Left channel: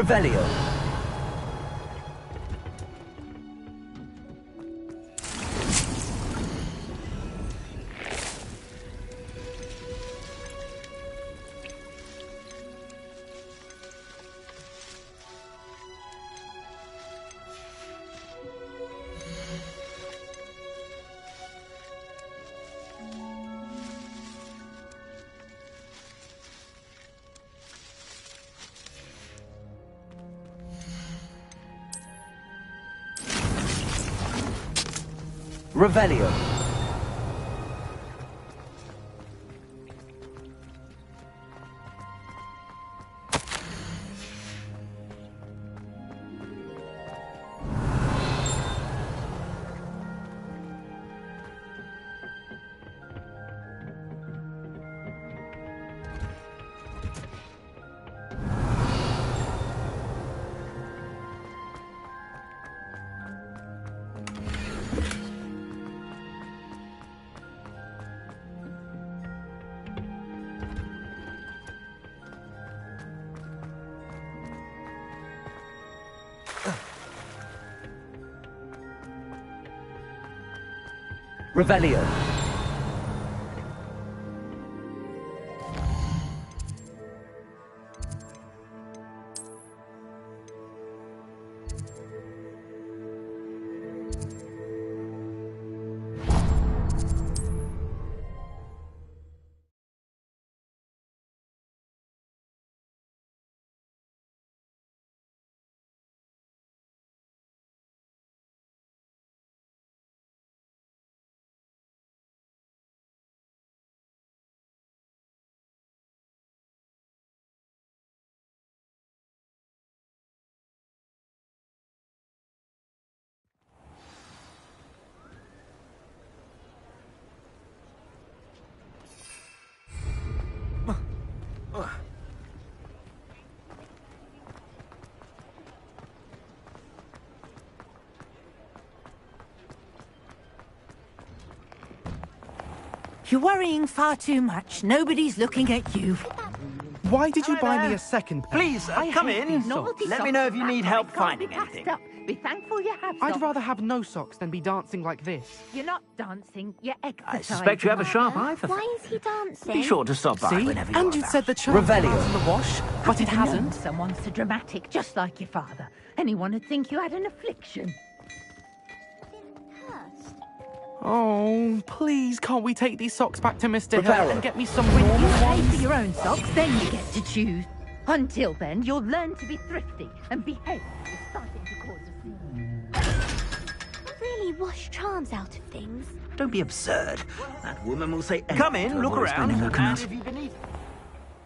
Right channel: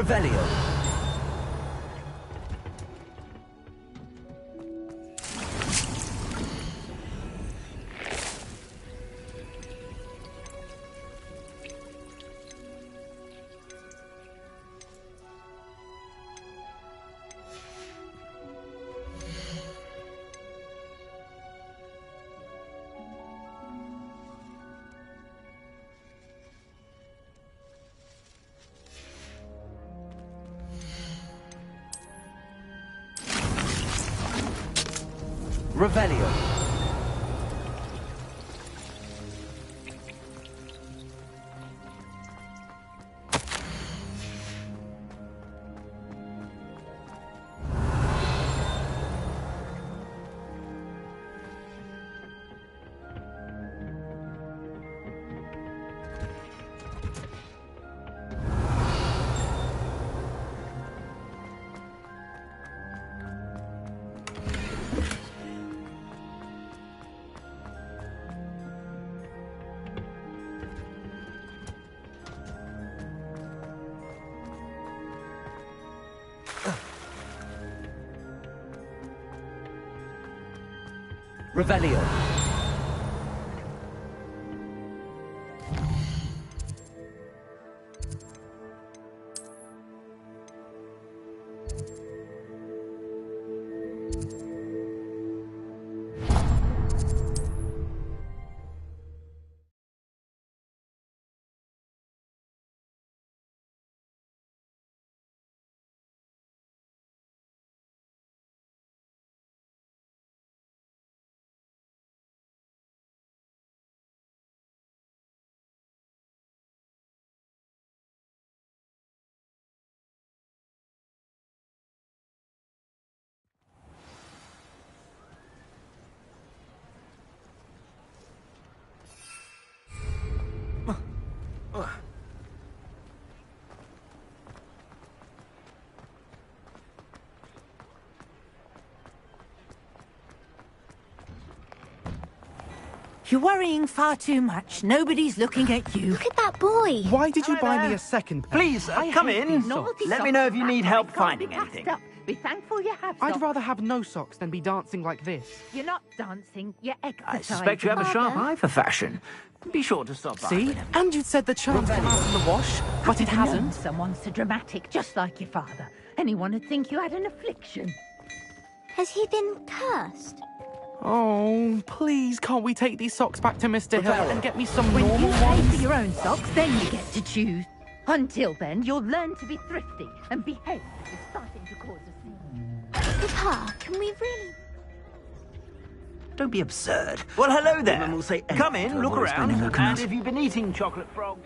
Revelio. Revelio. Revelio. You're worrying far too much. Nobody's looking at you. Look at that boy. Why did you buy me a second pair? Please, come in. Let me know if you need help finding anything. Be thankful you have I'd socks. rather have no socks than be dancing like this. You're not dancing, you're exercising. I suspect you have a sharp Father, eye for why fashion. is he dancing? Be sure to stop by See? whenever And you're you said the charm Revelio. was in the wash, but it hasn't. Someone's so dramatic, just like your father. Anyone would think you had an affliction. Has he been cursed? Oh, please, can't we take these socks back to Mr. Hill Revelio. and get me some When normal you pay for ones? your own socks, then you get to choose. Until then, you'll learn to be thrifty and behave. You're starting to cause a scene. Pa, can we really wash charms out of things? Don't be absurd. Well, hello there. Women will say come in, look around, and if you've been eating chocolate frogs...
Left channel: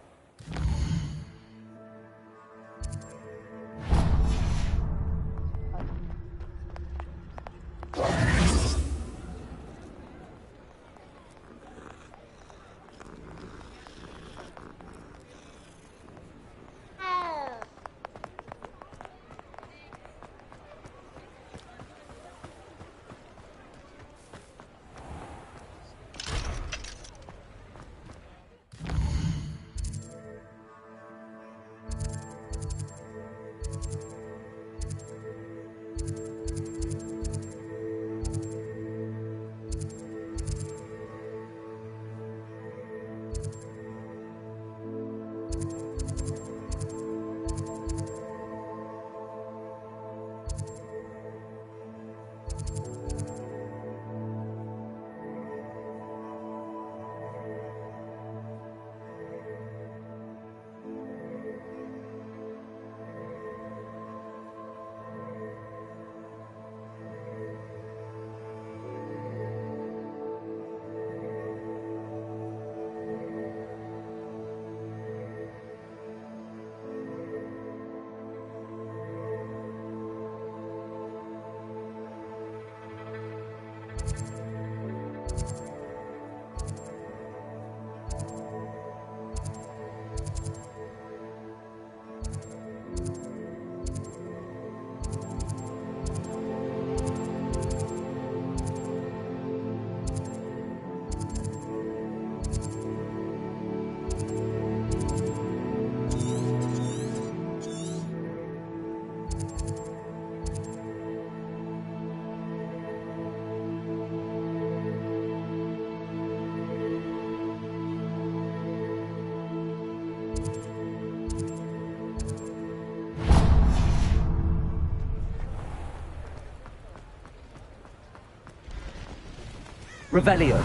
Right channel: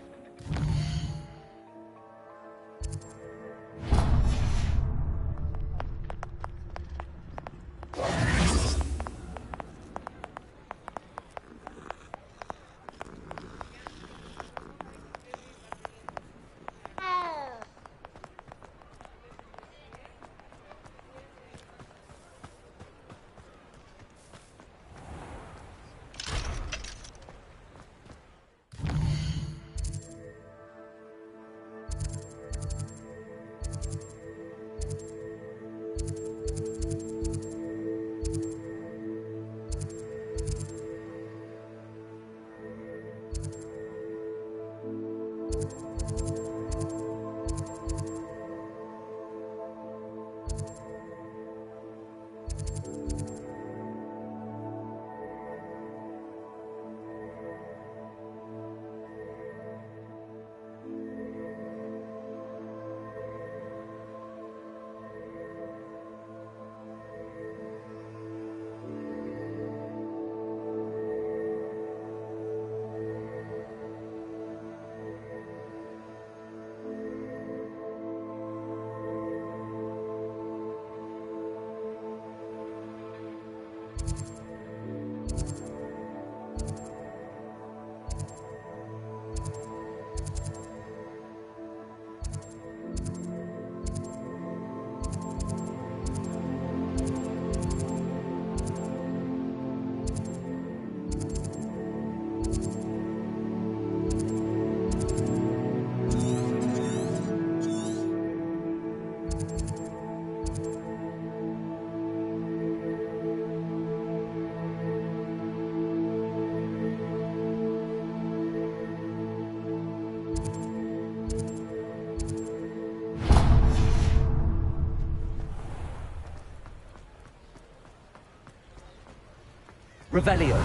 Revelio.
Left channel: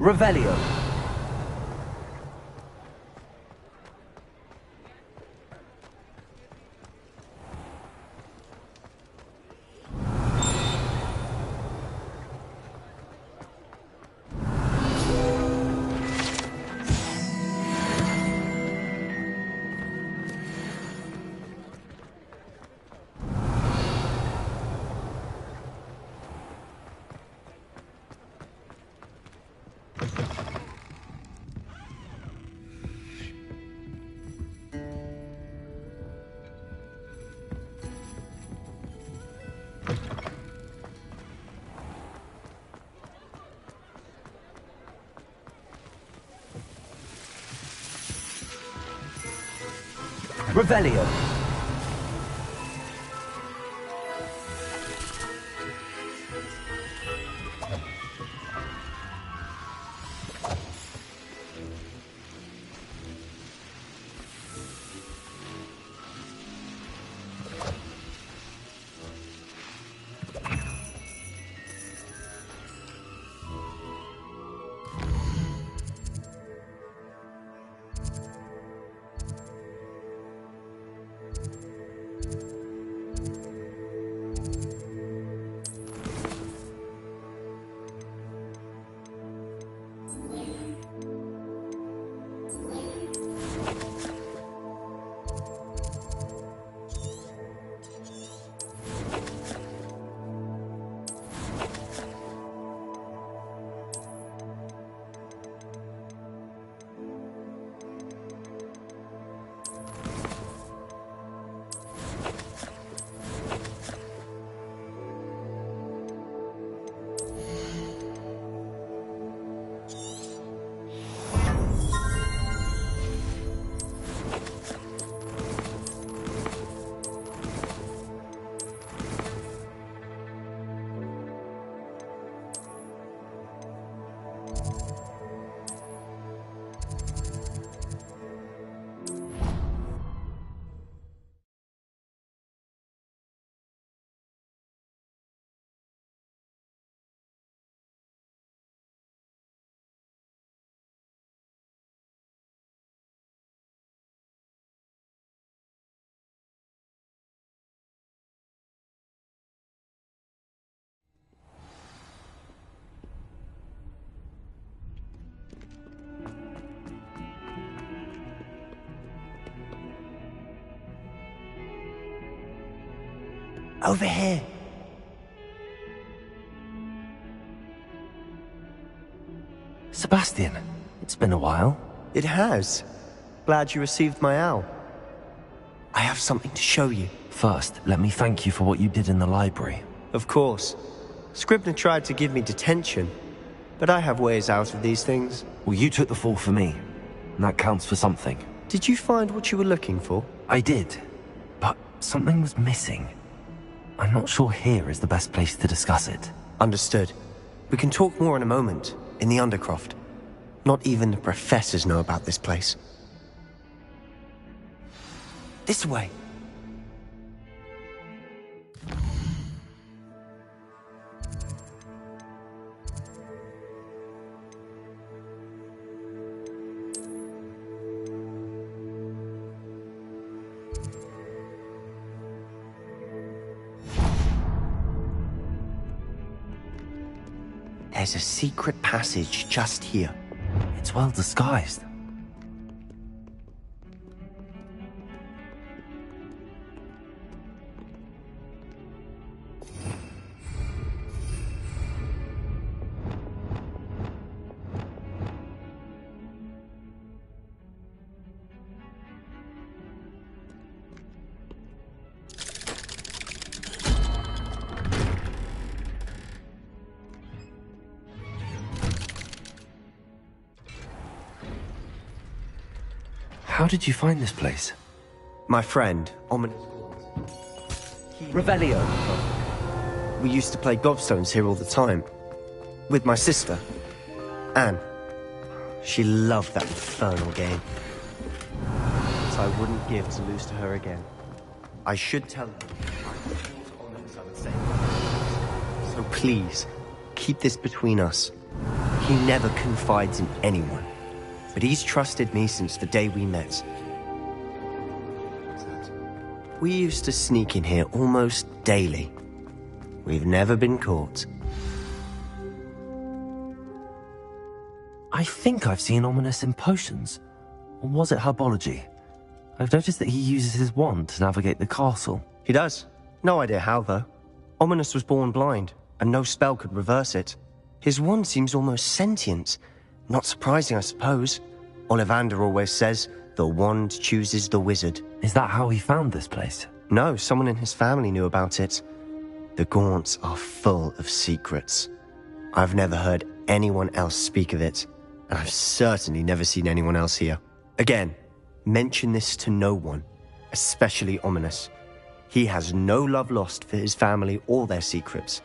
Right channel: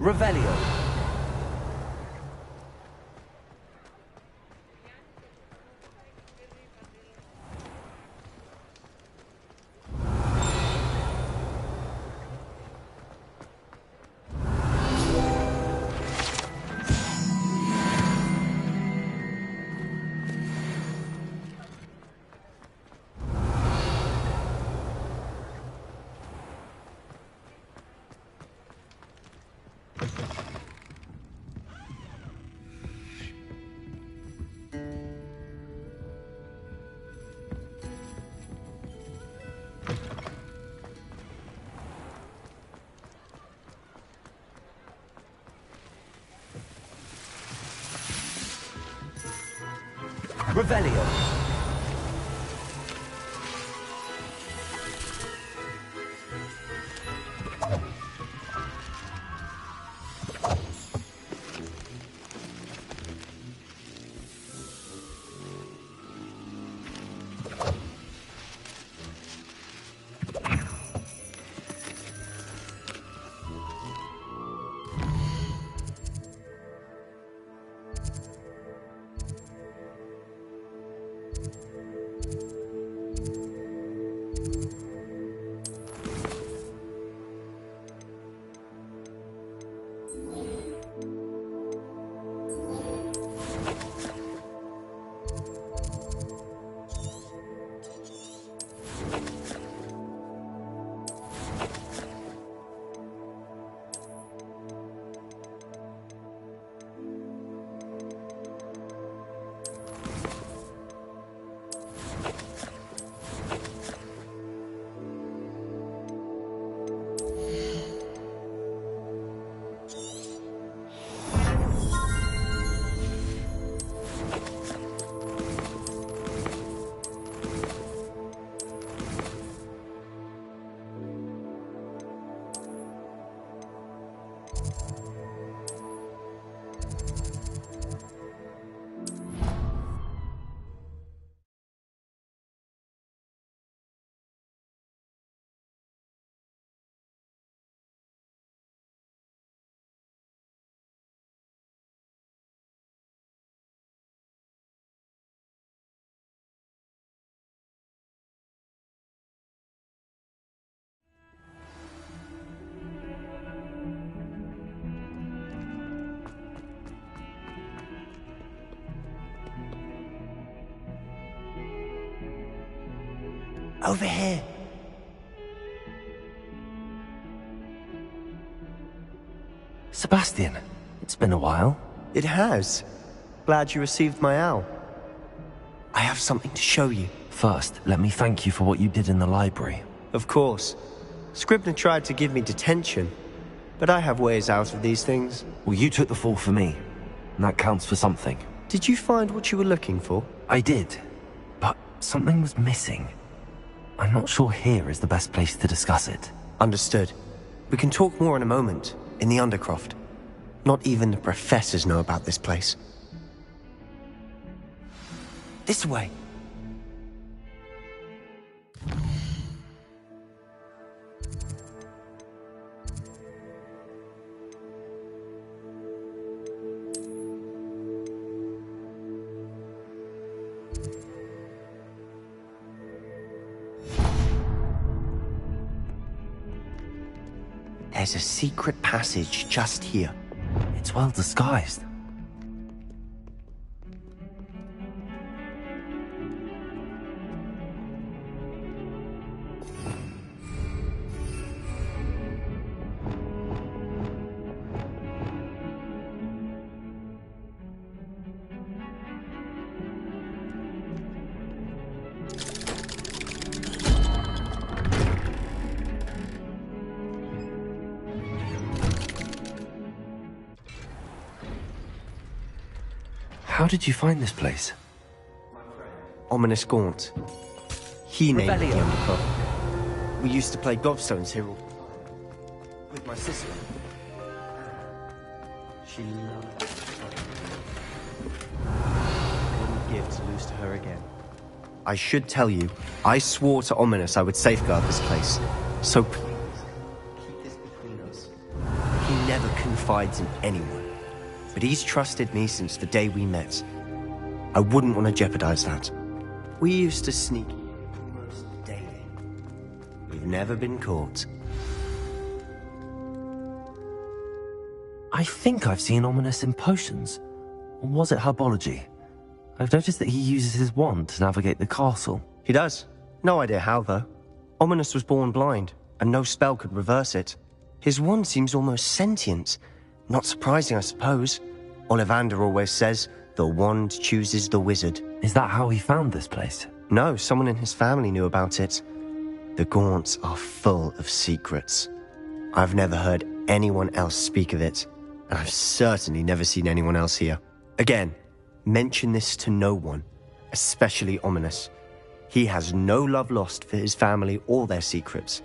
Revelio. Revelio. Over here. Sebastian, it's been a while. It has. Glad you received my owl. I have something to show you. First, let me thank you for what you did in the library. Of course. Scribner tried to give me detention, but I have ways out of these things. Well, you took the fall for me, and that counts for something. Did you find what you were looking for? I did, but something was missing. I'm not sure here is the best place to discuss it. Understood. We can talk more in a moment, in the Undercroft. Not even the professors know about this place. This way. There's a secret passage just here. It's well disguised. How did you find this place? My friend, Ominous Gaunt. He named Revelio. it. We used to play gobstones here all the time. With my sister, Anne. She loved that infernal game. So I wouldn't give to lose to her again. I should tell you, I swore to Ominous I would safeguard this place. So please, keep this between us. He never confides in anyone. But he's trusted me since the day we met. I wouldn't want to jeopardize that. We used to sneak in here almost daily. We've never been caught. I think I've seen Ominous in potions. Or was it herbology? I've noticed that he uses his wand to navigate the castle. He does. No idea how, though. Ominous was born blind, and no spell could reverse it. His wand seems almost sentient. Not surprising, I suppose. Ollivander always says, the wand chooses the wizard. Is that how he found this place? No, someone in his family knew about it. The Gaunts are full of secrets. I've never heard anyone else speak of it, and I've certainly never seen anyone else here. Again, mention this to no one, especially Ominous. He has no love lost for his family or their secrets,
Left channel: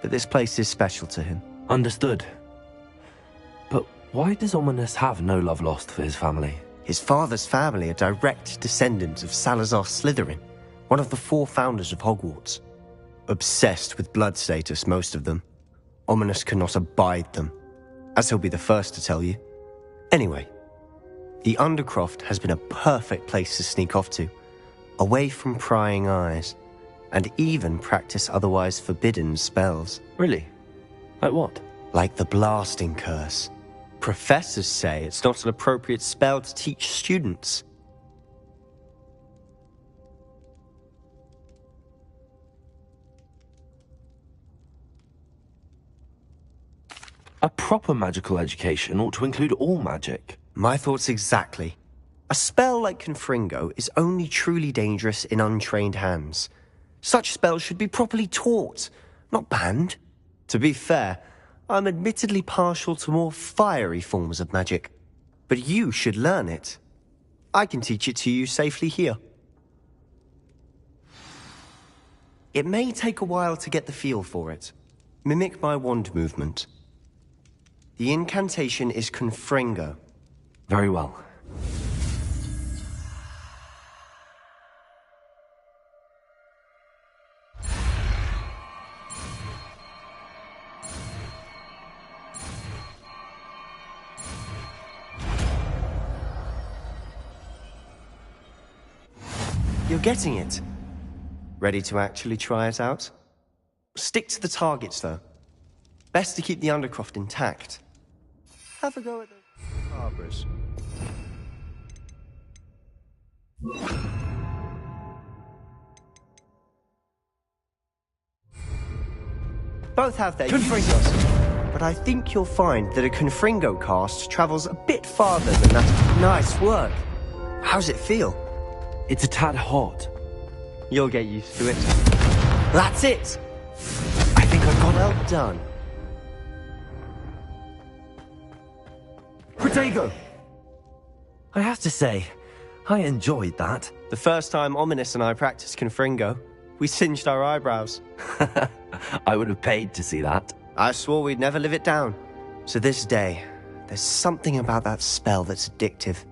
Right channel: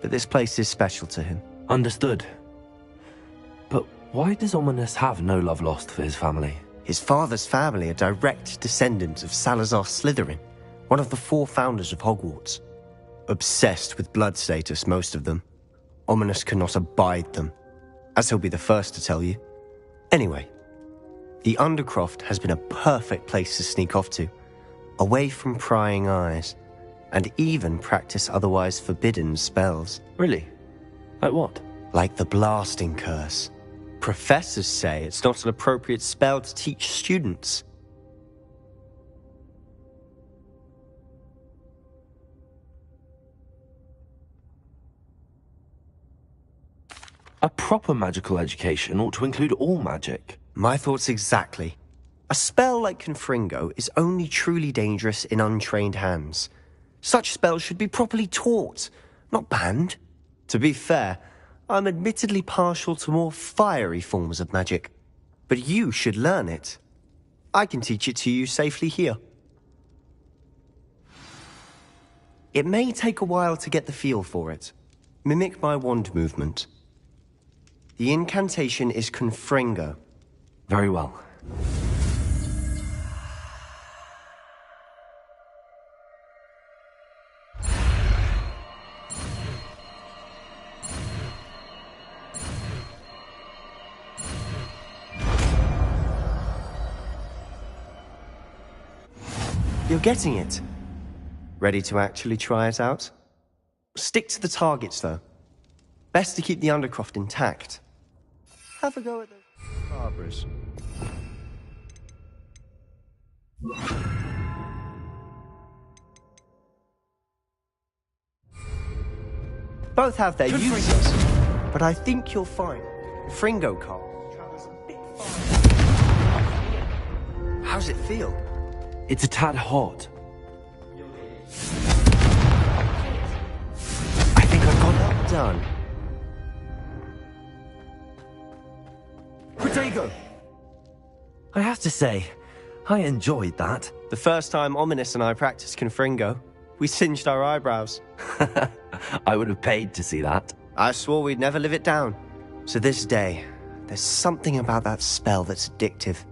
but this place is special to him. Understood. But why does Ominous have no love lost for his family? His father's family are direct descendants of Salazar Slytherin, one of the 4 founders of Hogwarts. Obsessed with blood status, most of them. Ominous cannot abide them, as he'll be the first to tell you. Anyway, the Undercroft has been a perfect place to sneak off to, away from prying eyes, and even practice otherwise forbidden spells. Really? Like what? Like the blasting curse. Professors say it's not an appropriate spell to teach students. A proper magical education ought to include all magic. My thoughts exactly. A spell like Confringo is only truly dangerous in untrained hands. Such spells should be properly taught, not banned. To be fair, I'm admittedly partial to more fiery forms of magic. But you should learn it. I can teach it to you safely here. It may take a while to get the feel for it. Mimic my wand movement. The incantation is Confringo. Very well. You're getting it. Ready to actually try it out? Stick to the targets, though. Best to keep the Undercroft intact. Have a go at those Barbaras. Both have their uses, but I think you'll find that a Confringo cast travels a bit farther than that. Nice work. How's it feel? It's a tad hot. You'll get used to it. That's it! I think I've got it. Well done. Protego! I have to say, I enjoyed that. The first time Ominous and I practiced Confringo, we singed our eyebrows. I would have paid to see that. I swore we'd never live it down. To this day, there's something about that spell that's addictive.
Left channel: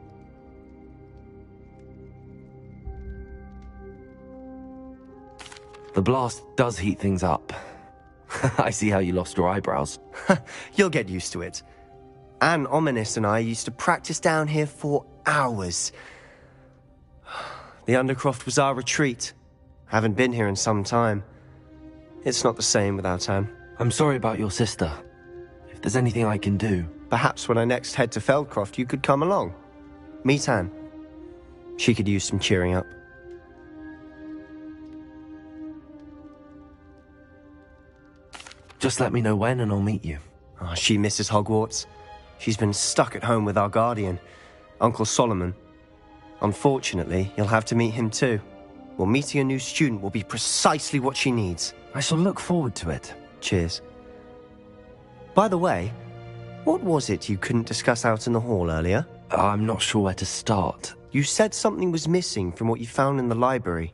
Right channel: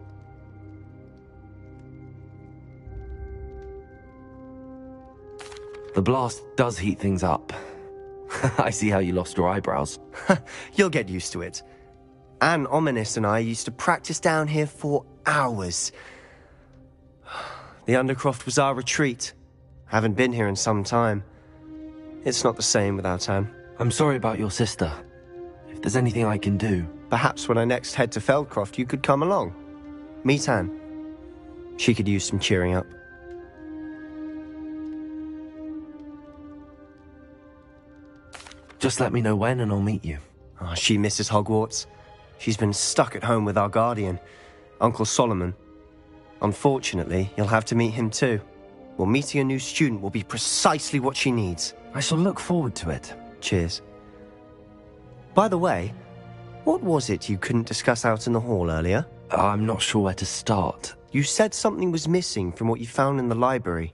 The blast does heat things up. I see how you lost your eyebrows. You'll get used to it. Anne, Ominous and I used to practice down here for hours. The Undercroft was our retreat. Haven't been here in some time. It's not the same without Anne. I'm sorry about your sister. If there's anything I can do... Perhaps when I next head to Feldcroft, you could come along. Meet Anne. She could use some cheering up. Just let me know when and I'll meet you. Oh, she misses Hogwarts. She's been stuck at home with our guardian, Uncle Solomon. Unfortunately, you'll have to meet him too. Well, meeting a new student will be precisely what she needs. I shall look forward to it. Cheers. By the way, what was it you couldn't discuss out in the hall earlier? I'm not sure where to start. You said something was missing from what you found in the library.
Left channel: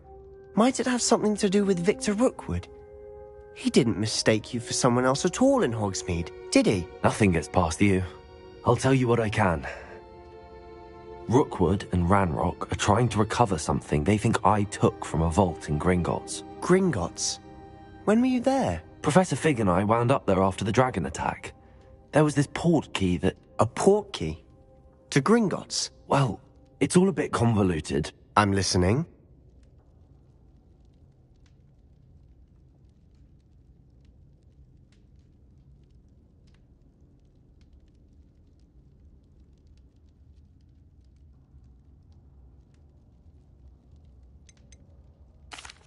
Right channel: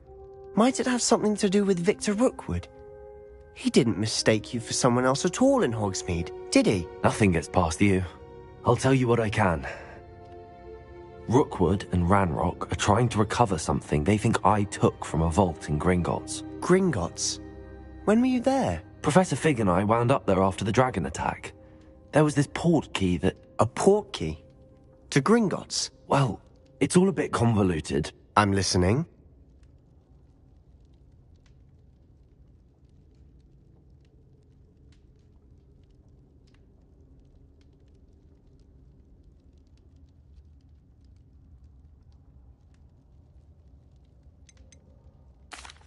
Might it have something to do with Victor Rookwood? He didn't mistake you for someone else at all in Hogsmeade, did he? Nothing gets past you. I'll tell you what I can. Rookwood and Ranrock are trying to recover something they think I took from a vault in Gringotts. Gringotts? When were you there? Professor Fig and I wound up there after the dragon attack. There was this port key that... A port key? To Gringotts? Well, it's all a bit convoluted. I'm listening.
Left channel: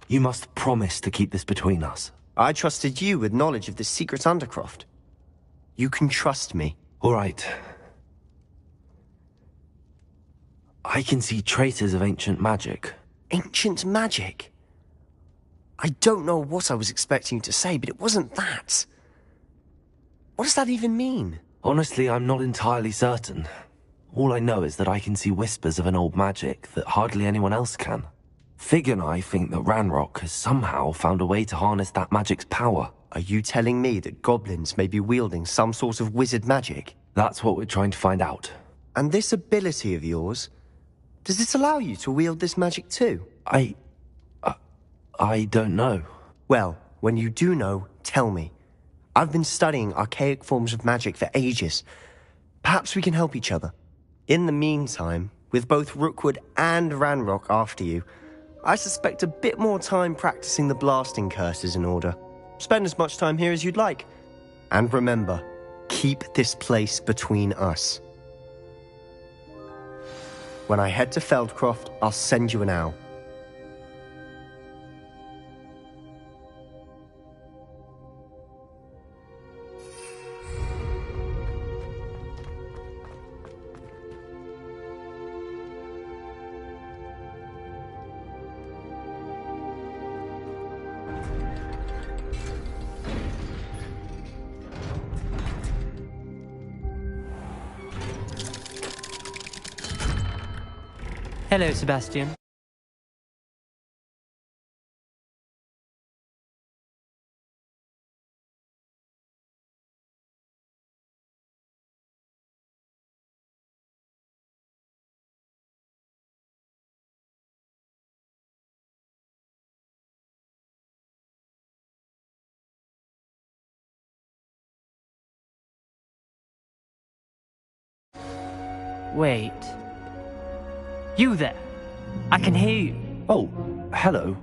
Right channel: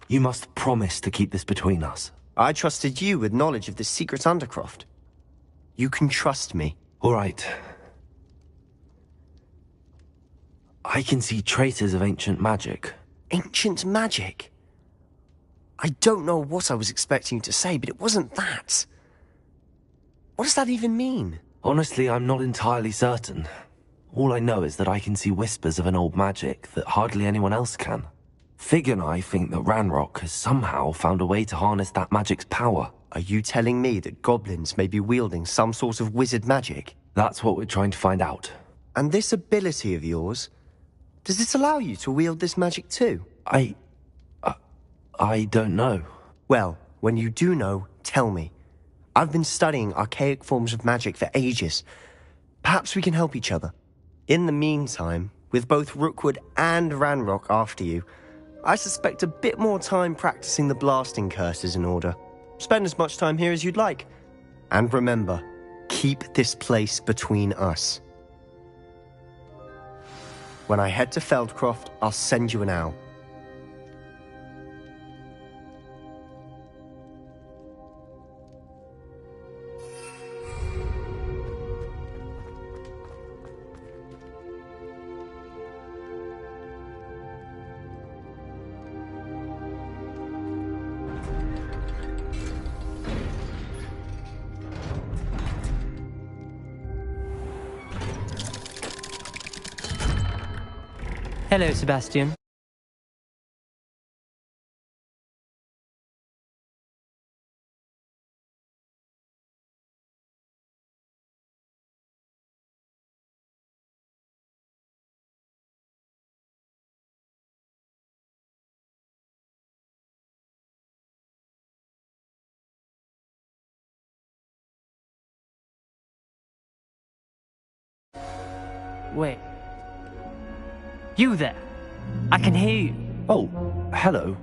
You must promise to keep this between us. I trusted you with knowledge of this secret undercroft. You can trust me. All right. I can see traces of ancient magic. Ancient magic? I don't know what I was expecting you to say, but it wasn't that. What does that even mean? Honestly, I'm not entirely certain. All I know is that I can see whispers of an old magic that hardly anyone else can. Fig and I think that Ranrock has somehow found a way to harness that magic's power. Are you telling me that goblins may be wielding some sort of wizard magic? That's what we're trying to find out. And this ability of yours, does it allow you to wield this magic too? I don't know. Well, when you do know, tell me. I've been studying archaic forms of magic for ages. Perhaps we can help each other. In the meantime, with both Rookwood and Ranrock after you, I suspect a bit more time practicing the blasting curse is in order. Spend as much time here as you'd like. And remember, keep this place between us. When I head to Feldcroft, I'll send you an owl. Hello, Sebastian. Wait. You there? I can hear you. Oh, hello.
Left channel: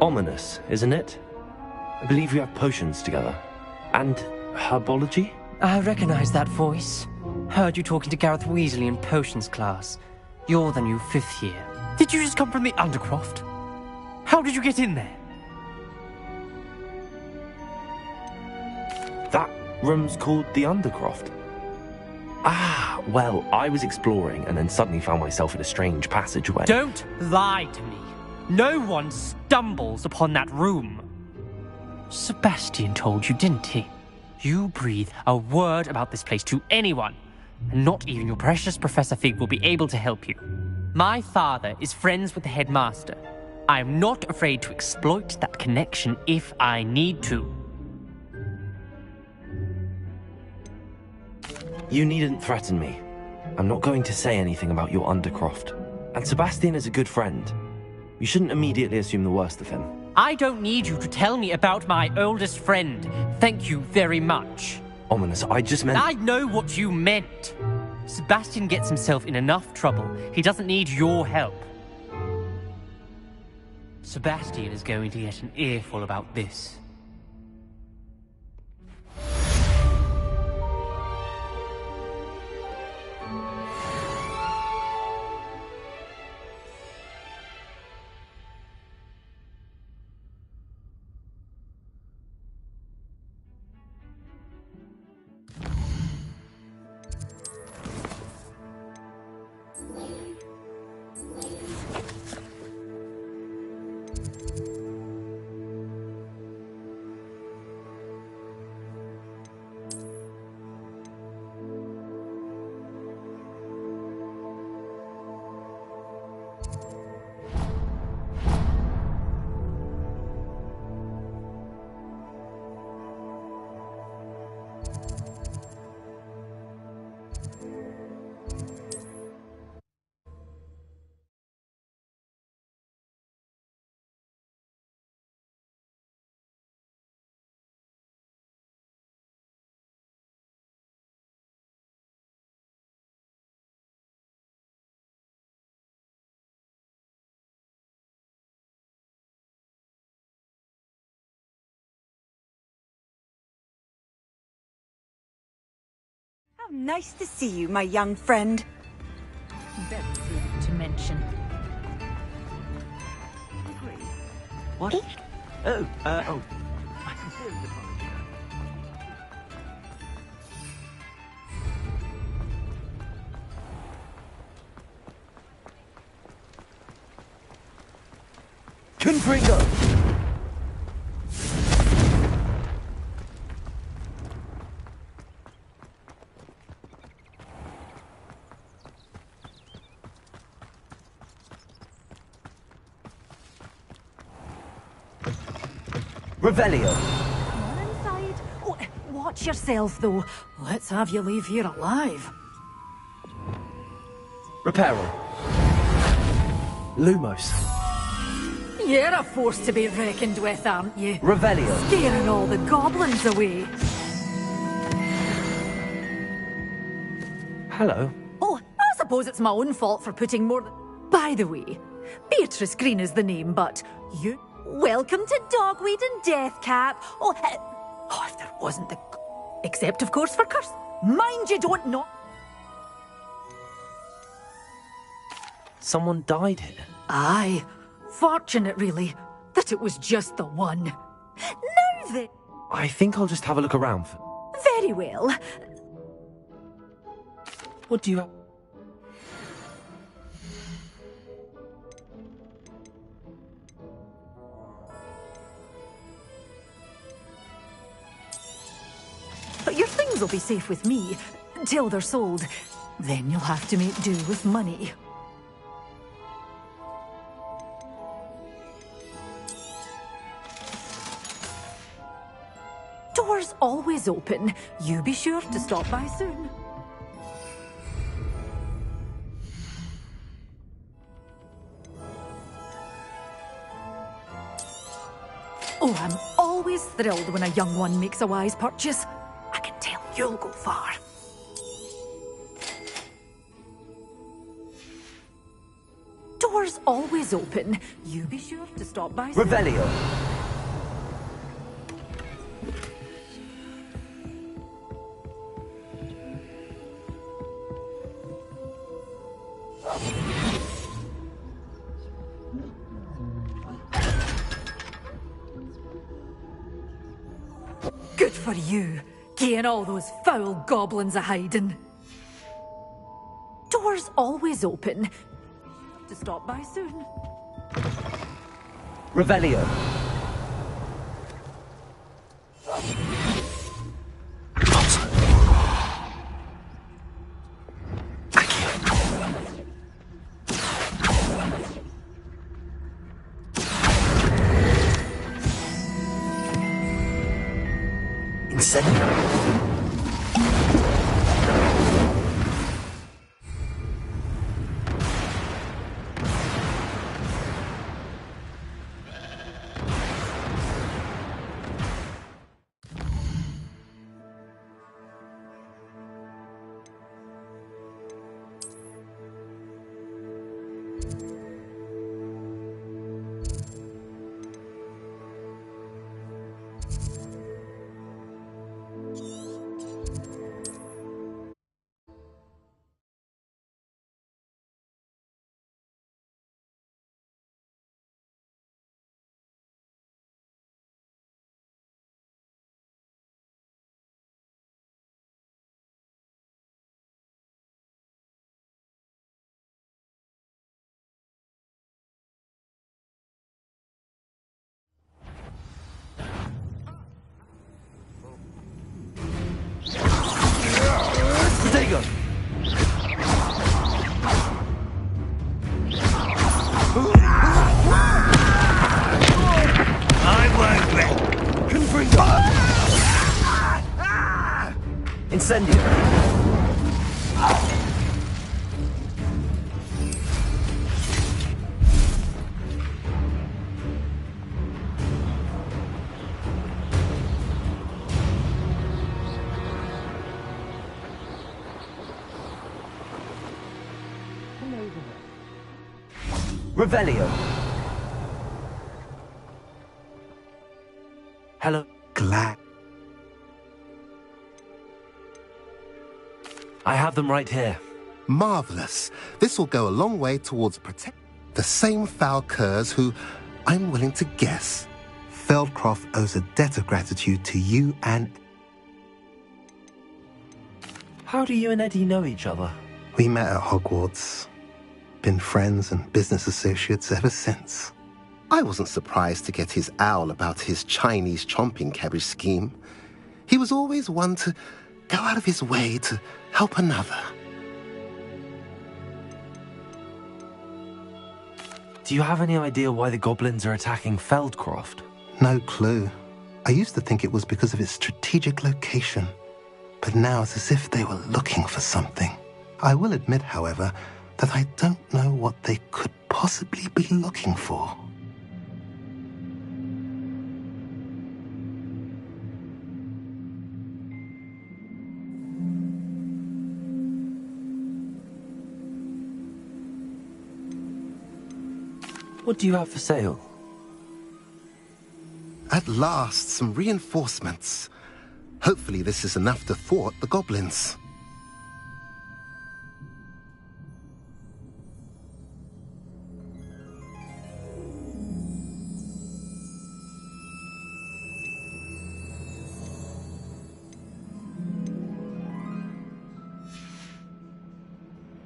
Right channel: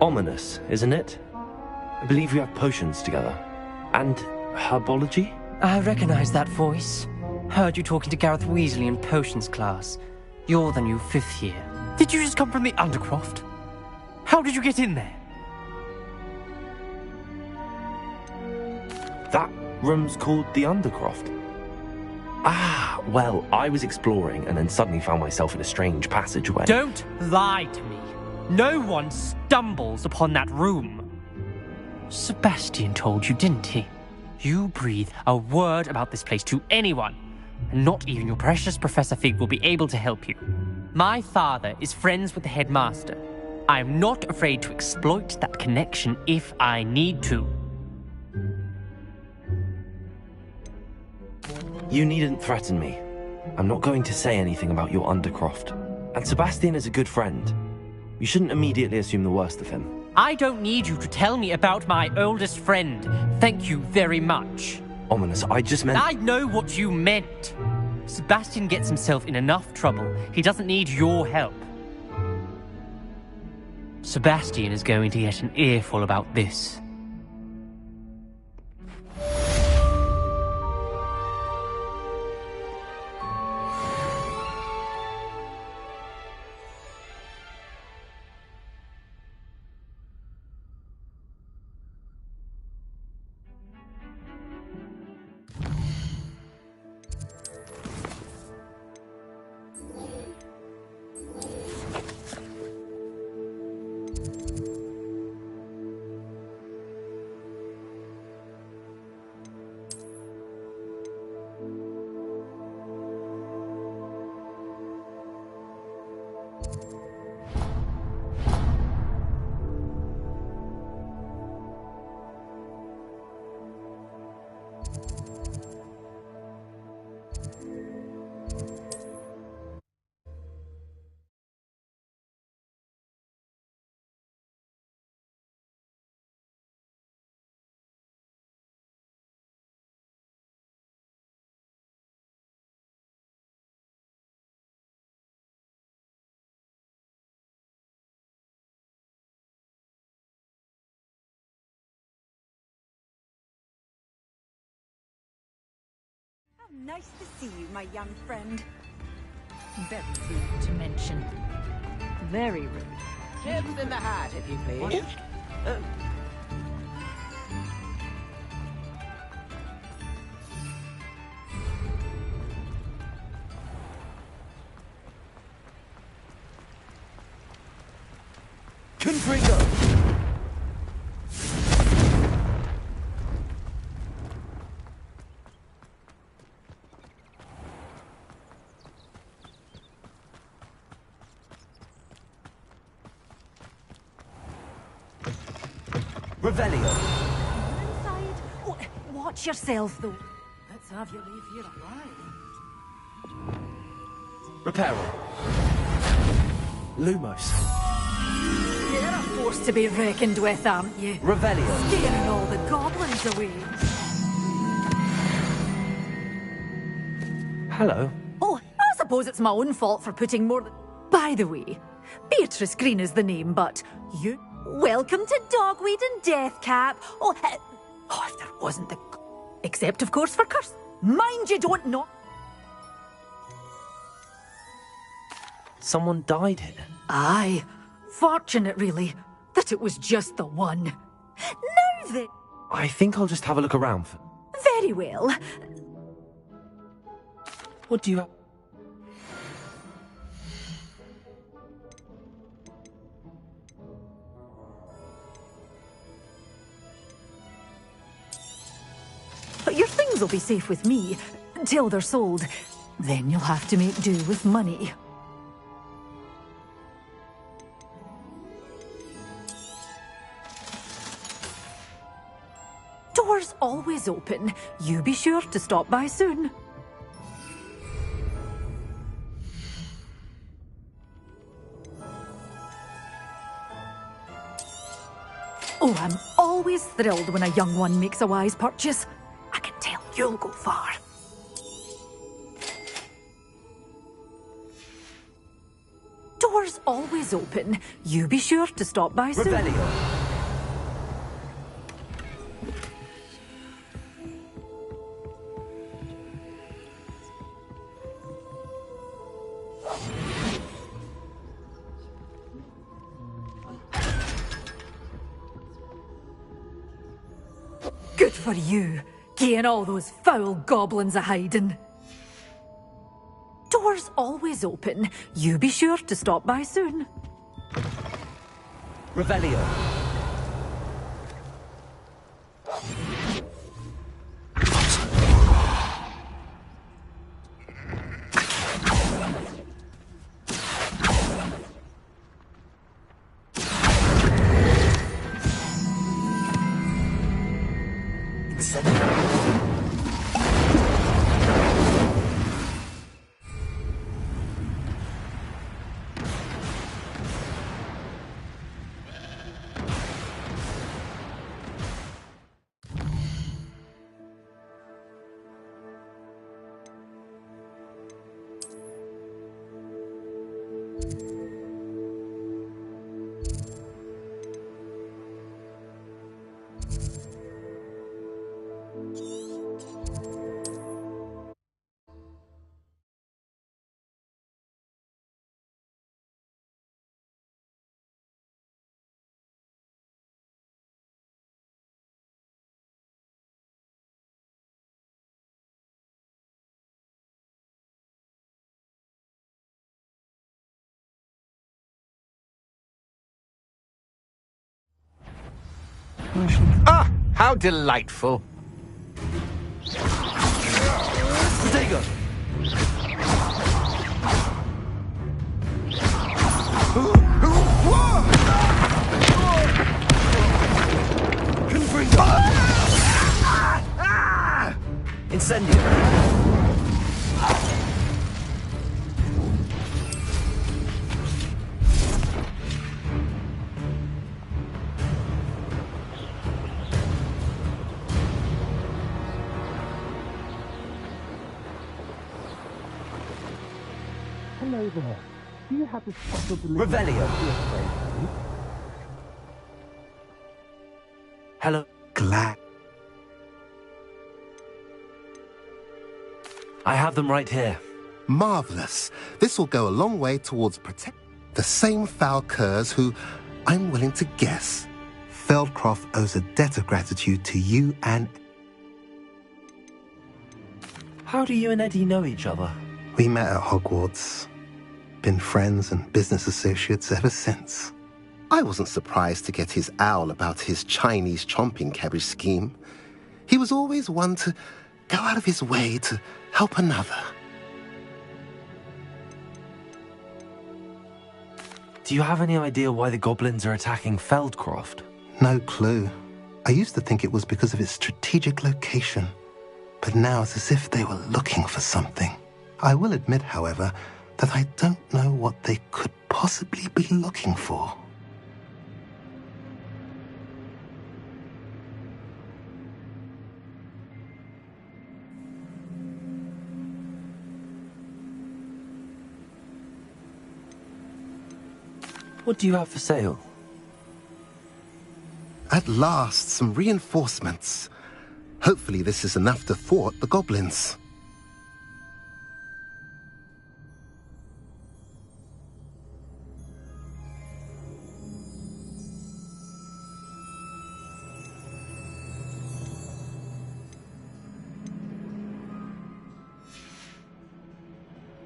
Ominous, isn't it? I believe we have potions together. And herbology? I recognize that voice. Heard you talking to Gareth Weasley in potions class. You're the new 5th year. Did you just come from the Undercroft? How did you get in there? That room's called the Undercroft. Ah, well, I was exploring and then suddenly found myself in a strange passageway. Don't lie to me. No one stumbles upon that room. Sebastian told you, didn't he? You breathe a word about this place to anyone, and not even your precious Professor Fig will be able to help you. My father is friends with the headmaster. I am not afraid to exploit that connection if I need to. You needn't threaten me. I'm not going to say anything about your Undercroft. And Sebastian is a good friend. You shouldn't immediately assume the worst of him. I don't need you to tell me about my oldest friend. Thank you very much. Ominous, I just meant... I know what you meant. Sebastian gets himself in enough trouble. He doesn't need your help. Sebastian is going to get an earful about this. How nice to see you, my young friend. Very rude to mention. Very rude. Chips in the hat, if you please. What? Oh. Confringo! Revelio. Come on inside. Oh, watch yourself, though. Let's have you leave here alive. Reparo. Lumos. You're a force to be reckoned with, aren't you? Revelio. Scaring all the goblins away. Hello. Oh, I suppose it's my own fault for putting more than... By the way, Beatrice Green is the name, but you... Welcome to Dogweed and Deathcap. Oh, if there wasn't the... Except, of course, for Curse. Mind you don't know... Someone died here. Aye. Fortunate, really, that it was just the one. Now then... I think I'll just have a look around for... Very well. What do you have? Your things will be safe with me, till they're sold. Then you'll have to make do with money. Doors always open. You be sure to stop by soon. Oh, I'm always thrilled when a young one makes a wise purchase. I can tell you'll go far. Doors always open. You be sure to stop by soon. Revelio. Good for you, getting all those foul goblins a-hiding. Doors always open. You be sure to stop by soon. Revelio. Ah, how delightful. Stego. Confringo. Incendio. Hello there. Do you have a Revelio. Hello. Glad. have them right here. Marvellous. This will go a long way towards protect the same foul curs who, I'm willing to guess, Feldcroft owes a debt of gratitude to you and... How do you and Eddie know each other? We met at Hogwarts. Been friends and business associates ever since. I wasn't surprised to get his owl about his Chinese chomping cabbage scheme. He was always one to go out of his way to help another. Do you have any idea why the goblins are attacking Feldcroft? No clue. I used to think it was because of its strategic location, but now it's as if they were looking for something. I will admit, however, that I don't know what they could possibly be looking for. What do you have for sale? At last, some reinforcements. Hopefully this is enough to thwart the goblins.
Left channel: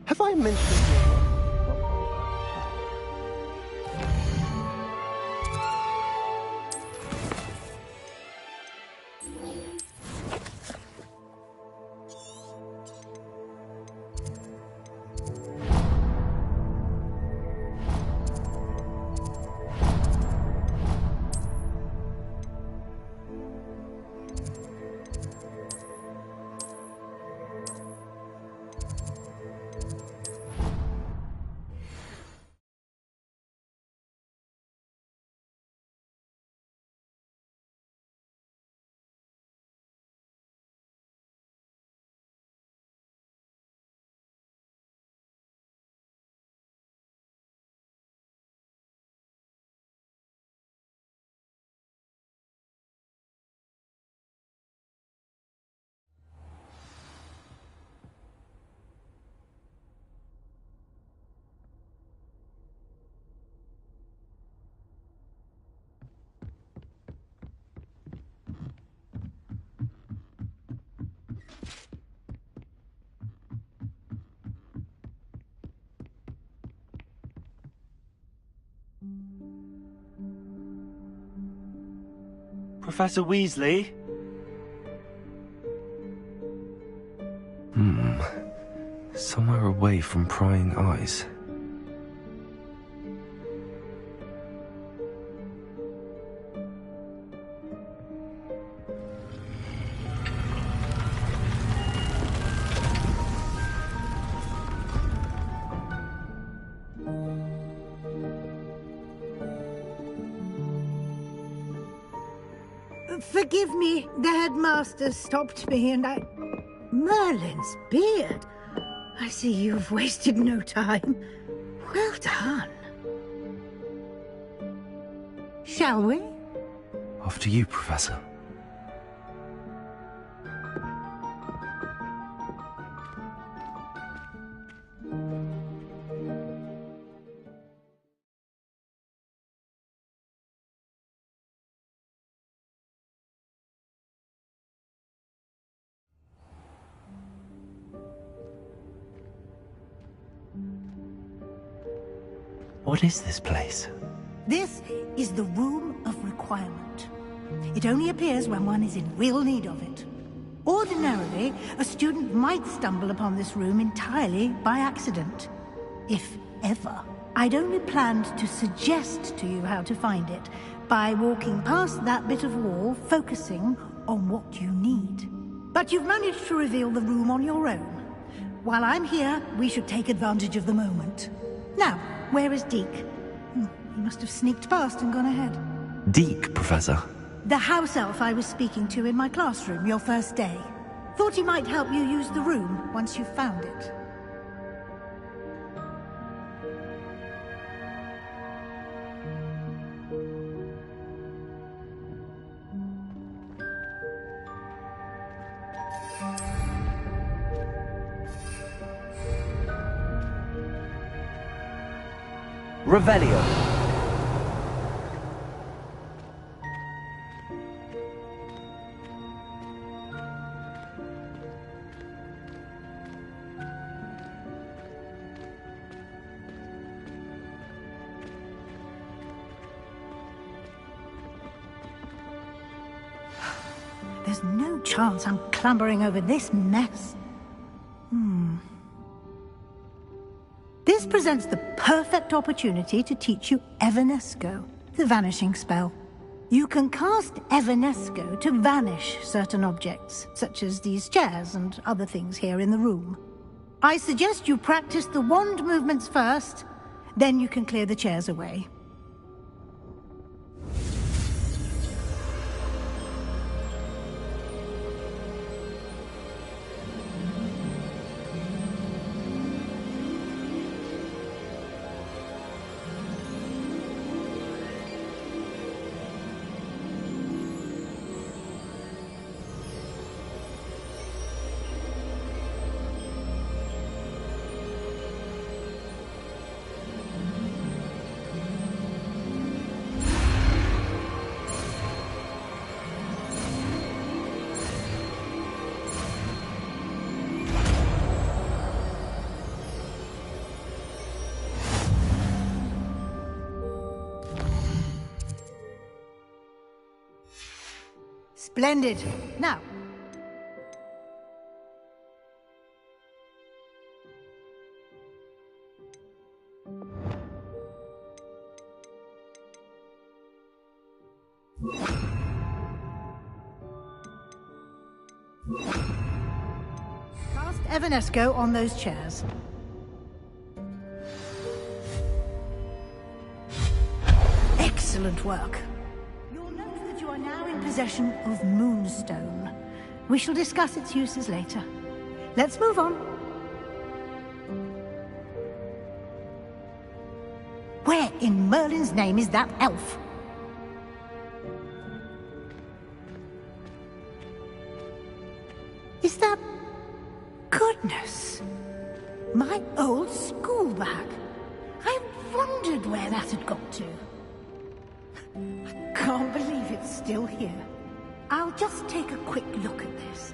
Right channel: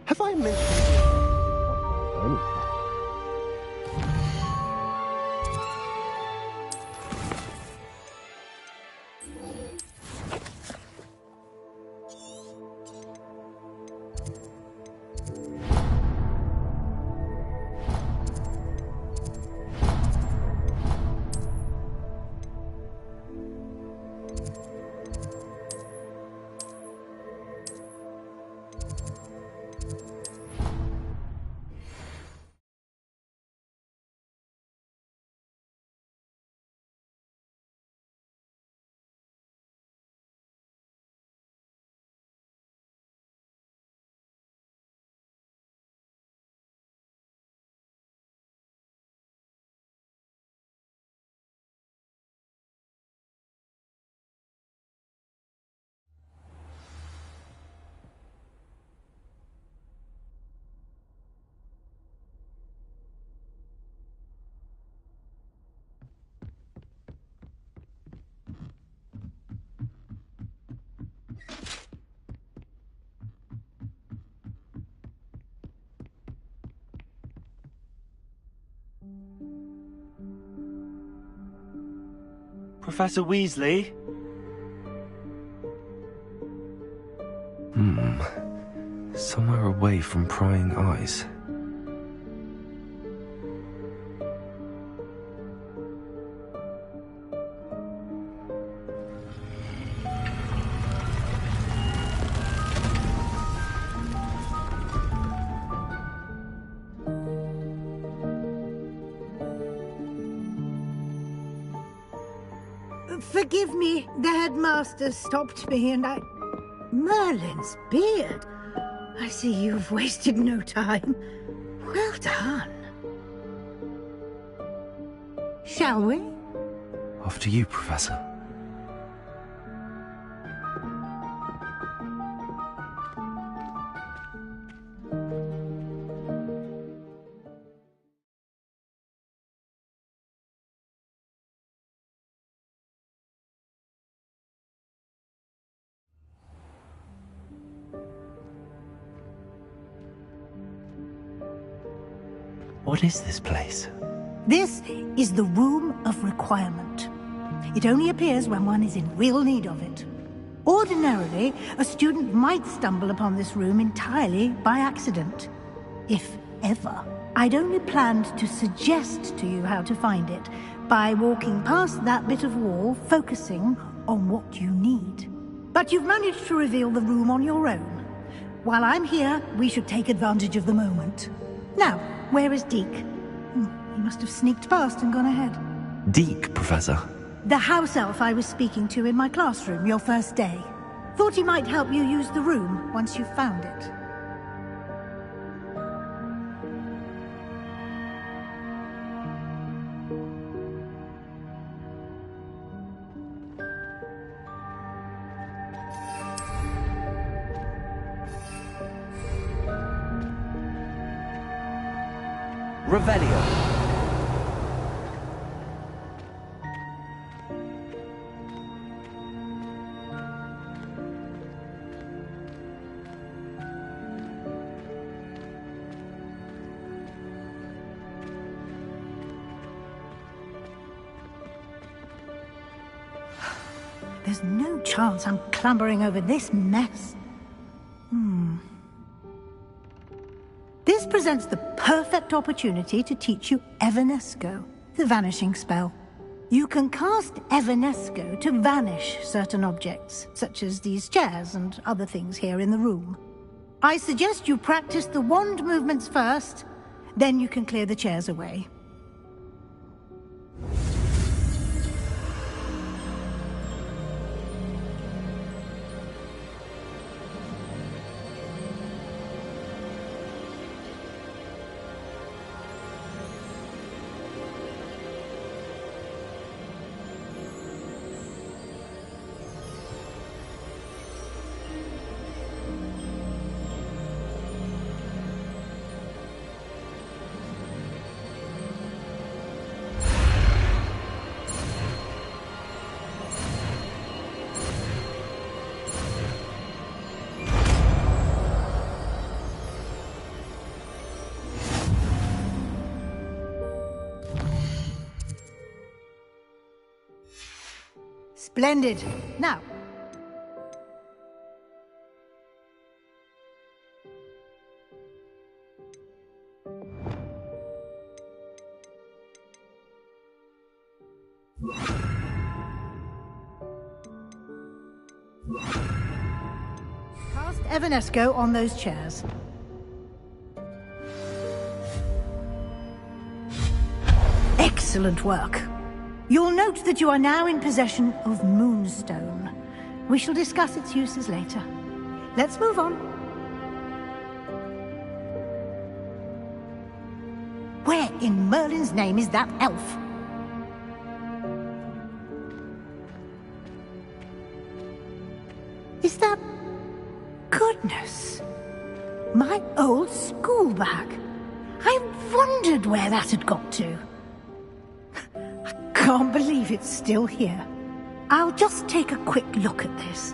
Have I mentioned... Professor Weasley? Somewhere away from prying eyes. Forgive me, the headmaster stopped me and I... Merlin's beard. I see you've wasted no time. Well done. Shall we? After you, Professor. What is this place? This is the Room of Requirement. It only appears when one is in real need of it. Ordinarily, a student might stumble upon this room entirely by accident. If ever. I'd only planned to suggest to you how to find it by walking past that bit of wall, focusing on what you need. But you've managed to reveal the room on your own. While I'm here, we should take advantage of the moment. Now, where is Deke? He must have sneaked past and gone ahead. Deke, Professor? The house elf I was speaking to in my classroom your first day. Thought he might help you use the room once you found it. Revelio. There's no chance I'm clambering over this mess. This presents the perfect opportunity to teach you Evanesco, the vanishing spell. You can cast Evanesco to vanish certain objects, such as these chairs and other things here in the room. I suggest you practice the wand movements first, then you can clear the chairs away. Splendid. Now, cast Evanesco on those chairs. Excellent work. You'll note that you are now in possession of Moonstone. We shall discuss its uses later. Let's move on. Where in Merlin's name is that elf? Is that... Goodness! My old school bag. I wondered where that had got to. Can't believe it's still here. I'll just take a quick look at this.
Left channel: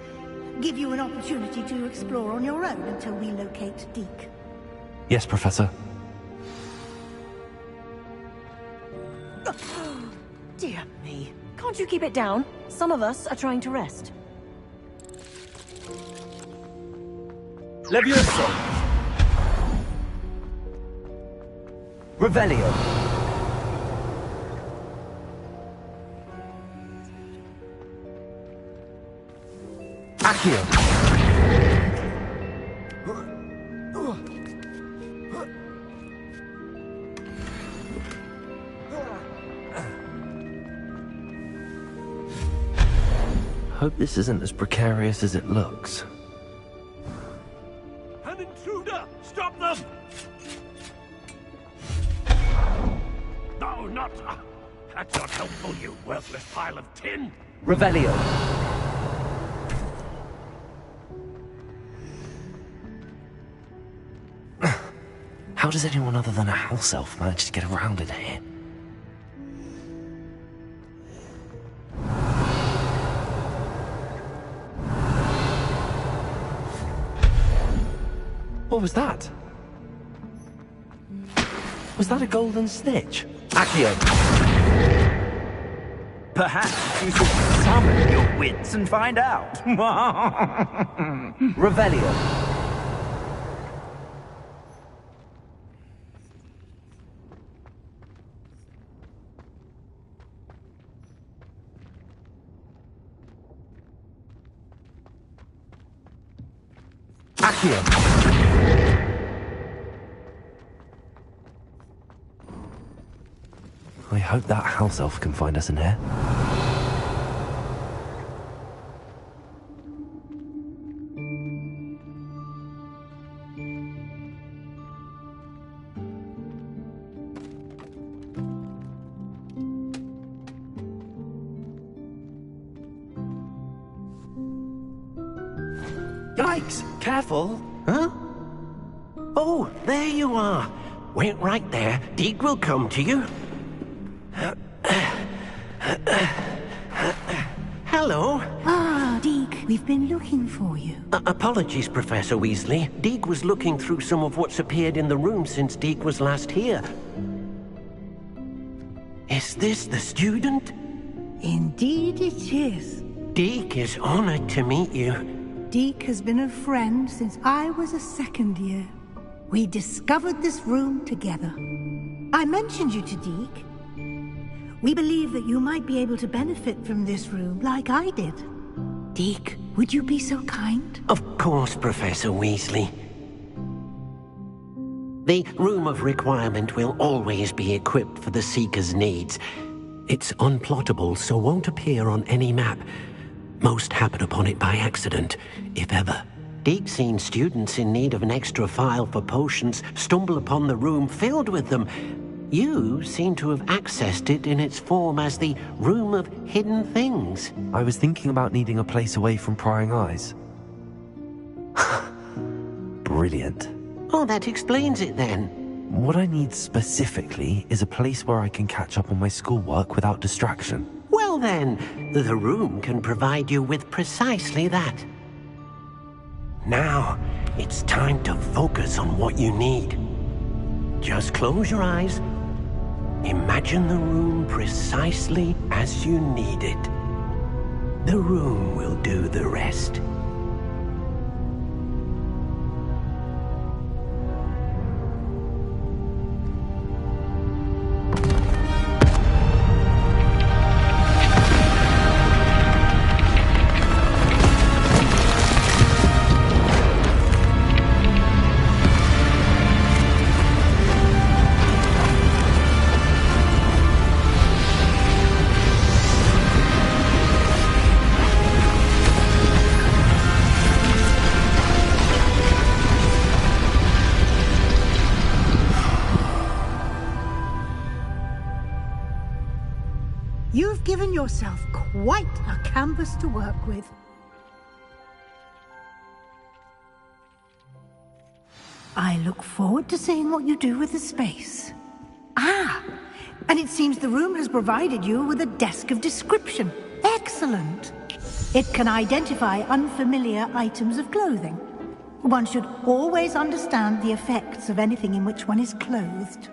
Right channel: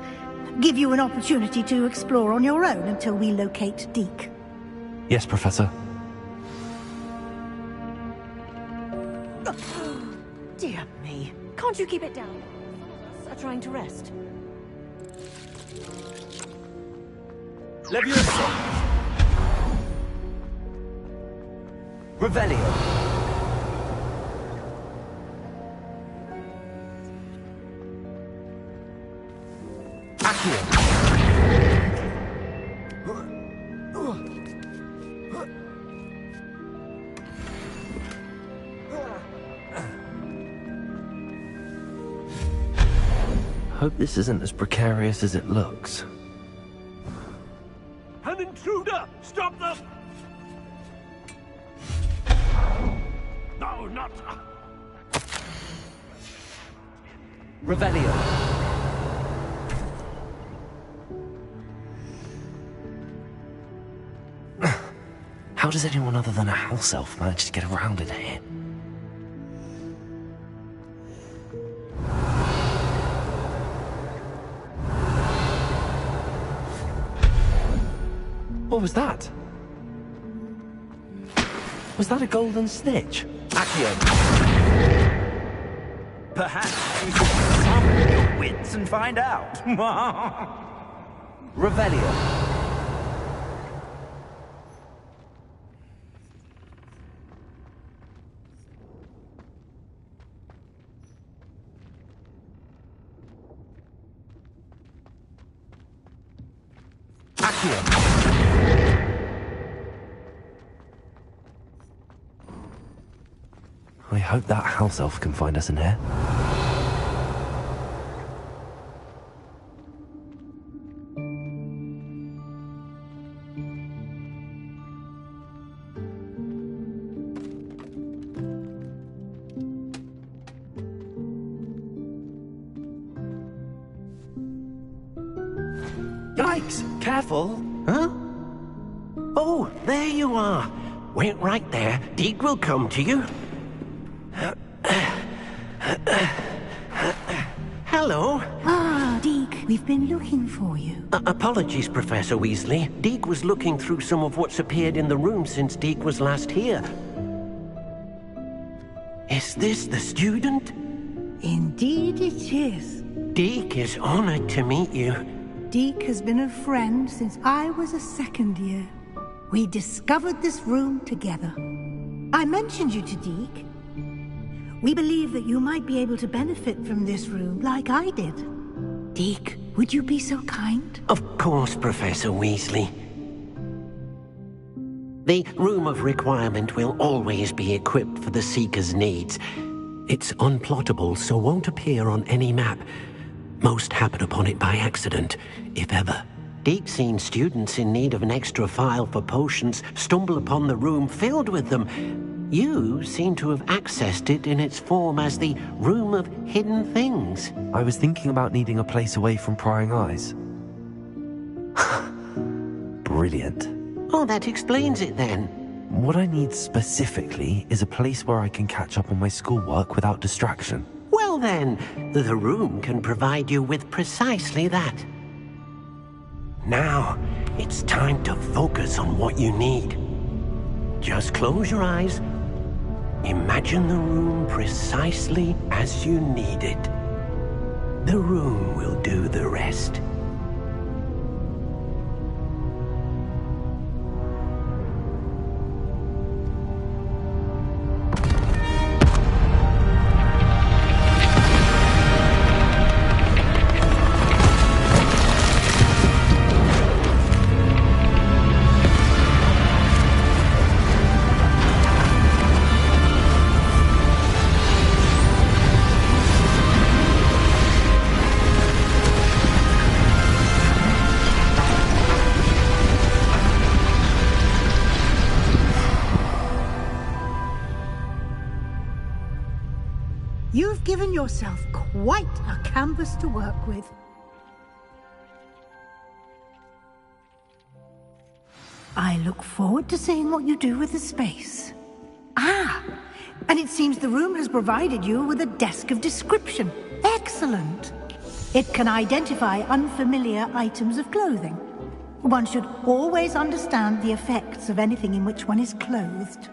Give you an opportunity to explore on your own until we locate Deke. Yes, Professor. Dear me. Can't you keep it down? Some of us are trying to rest. Leviosa! Revelio. Hope this isn't as precarious as it looks. An intruder! Stop them! No, not... That's not helpful, you worthless pile of tin! Revelio. How does anyone other than a house elf manage to get around in here? What was that? Was that a golden snitch? Accio! Perhaps you should summon your wits and find out. Revelio. I hope that house elf can find us in here. Yikes! Careful! Huh? Oh, there you are! Wait right there. Deke will come to you. Hello. Ah, Deke, we've been looking for you. Apologies, Professor Weasley. Deke was looking through some of what's appeared in the room since Deke was last here. Is this the student? Indeed it is. Deke is honored to meet you. Deke has been a friend since I was a second year. We discovered this room together. I mentioned you to Deke. We believe that you might be able to benefit from this room like I did. Deke, would you be so kind? Of course, Professor Weasley. The Room of Requirement will always be equipped for the Seeker's needs. It's unplottable, so won't appear on any map. Most happen upon it by accident, if ever. Deke's seen students in need of an extra file for potions stumble upon the room filled with them. You seem to have accessed it in its form as the Room of Hidden Things. I was thinking about needing a place away from prying eyes. Brilliant. Oh, that explains it then. What I need specifically is a place where I can catch up on my schoolwork without distraction. Well then, the room can provide you with precisely that. Now, it's time to focus on what you need. Just close your eyes. Imagine the room precisely as you need it. The room will do the rest. You've given yourself quite a canvas to work with. I look forward to seeing what you do with the space. Ah, and it seems the room has provided you with a desk of description. Excellent. It can identify unfamiliar items of clothing. One should always understand the effects of anything in which one is clothed.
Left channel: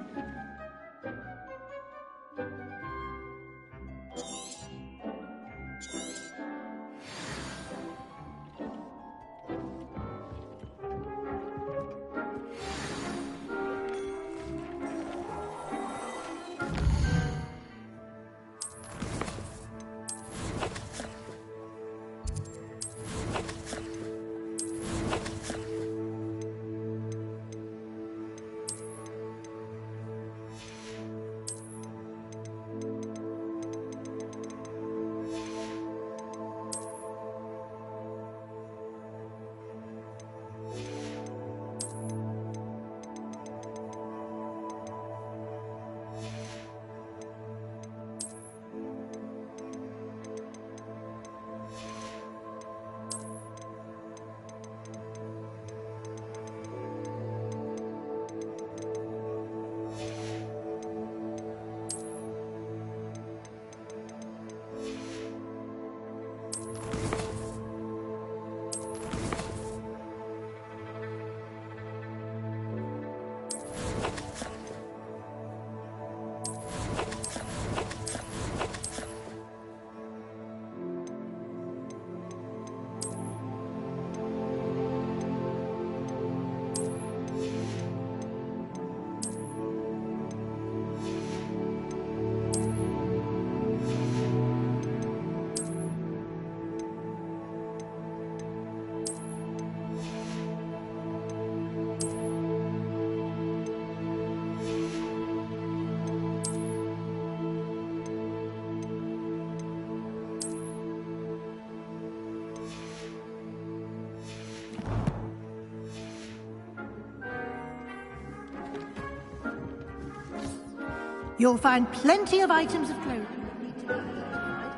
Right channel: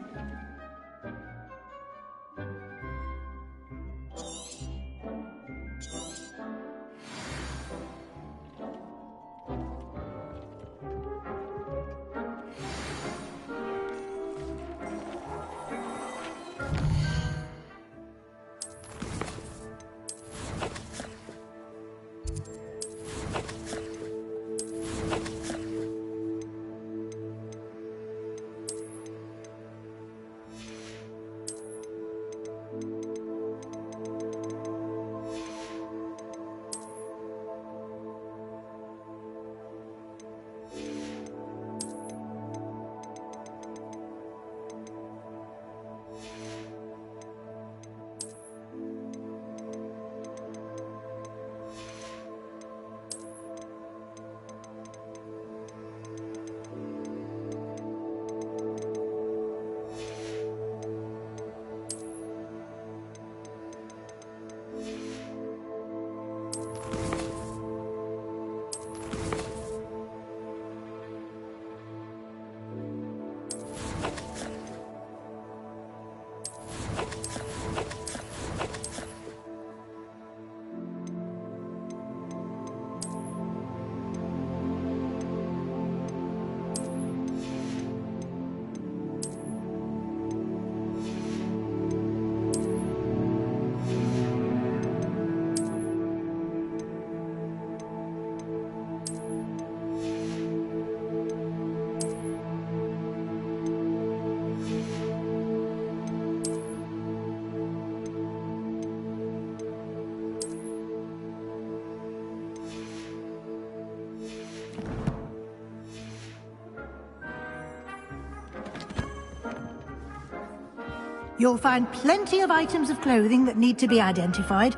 You'll find plenty of items of clothing that need to be identified.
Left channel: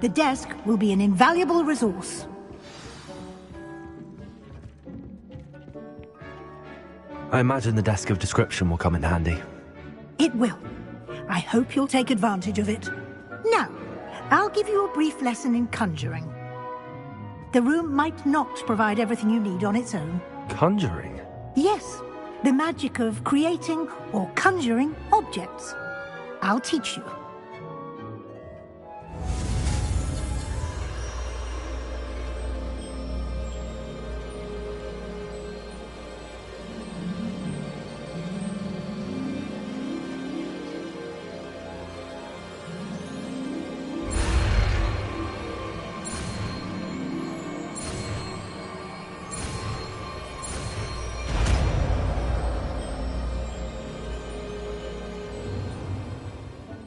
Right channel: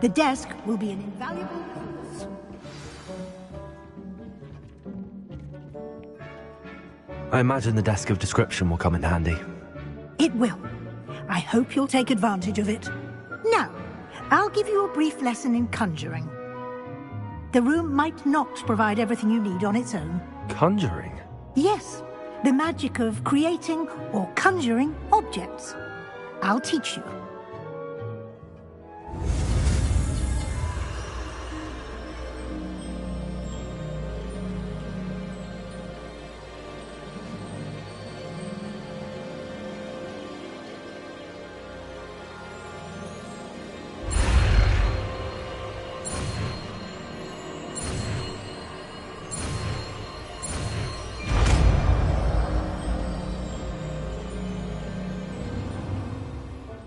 The desk will be an invaluable resource. I imagine the desk of description will come in handy. It will. I hope you'll take advantage of it. Now, I'll give you a brief lesson in conjuring. The room might not provide everything you need on its own. Conjuring? Yes, the magic of creating or conjuring objects. I'll teach you.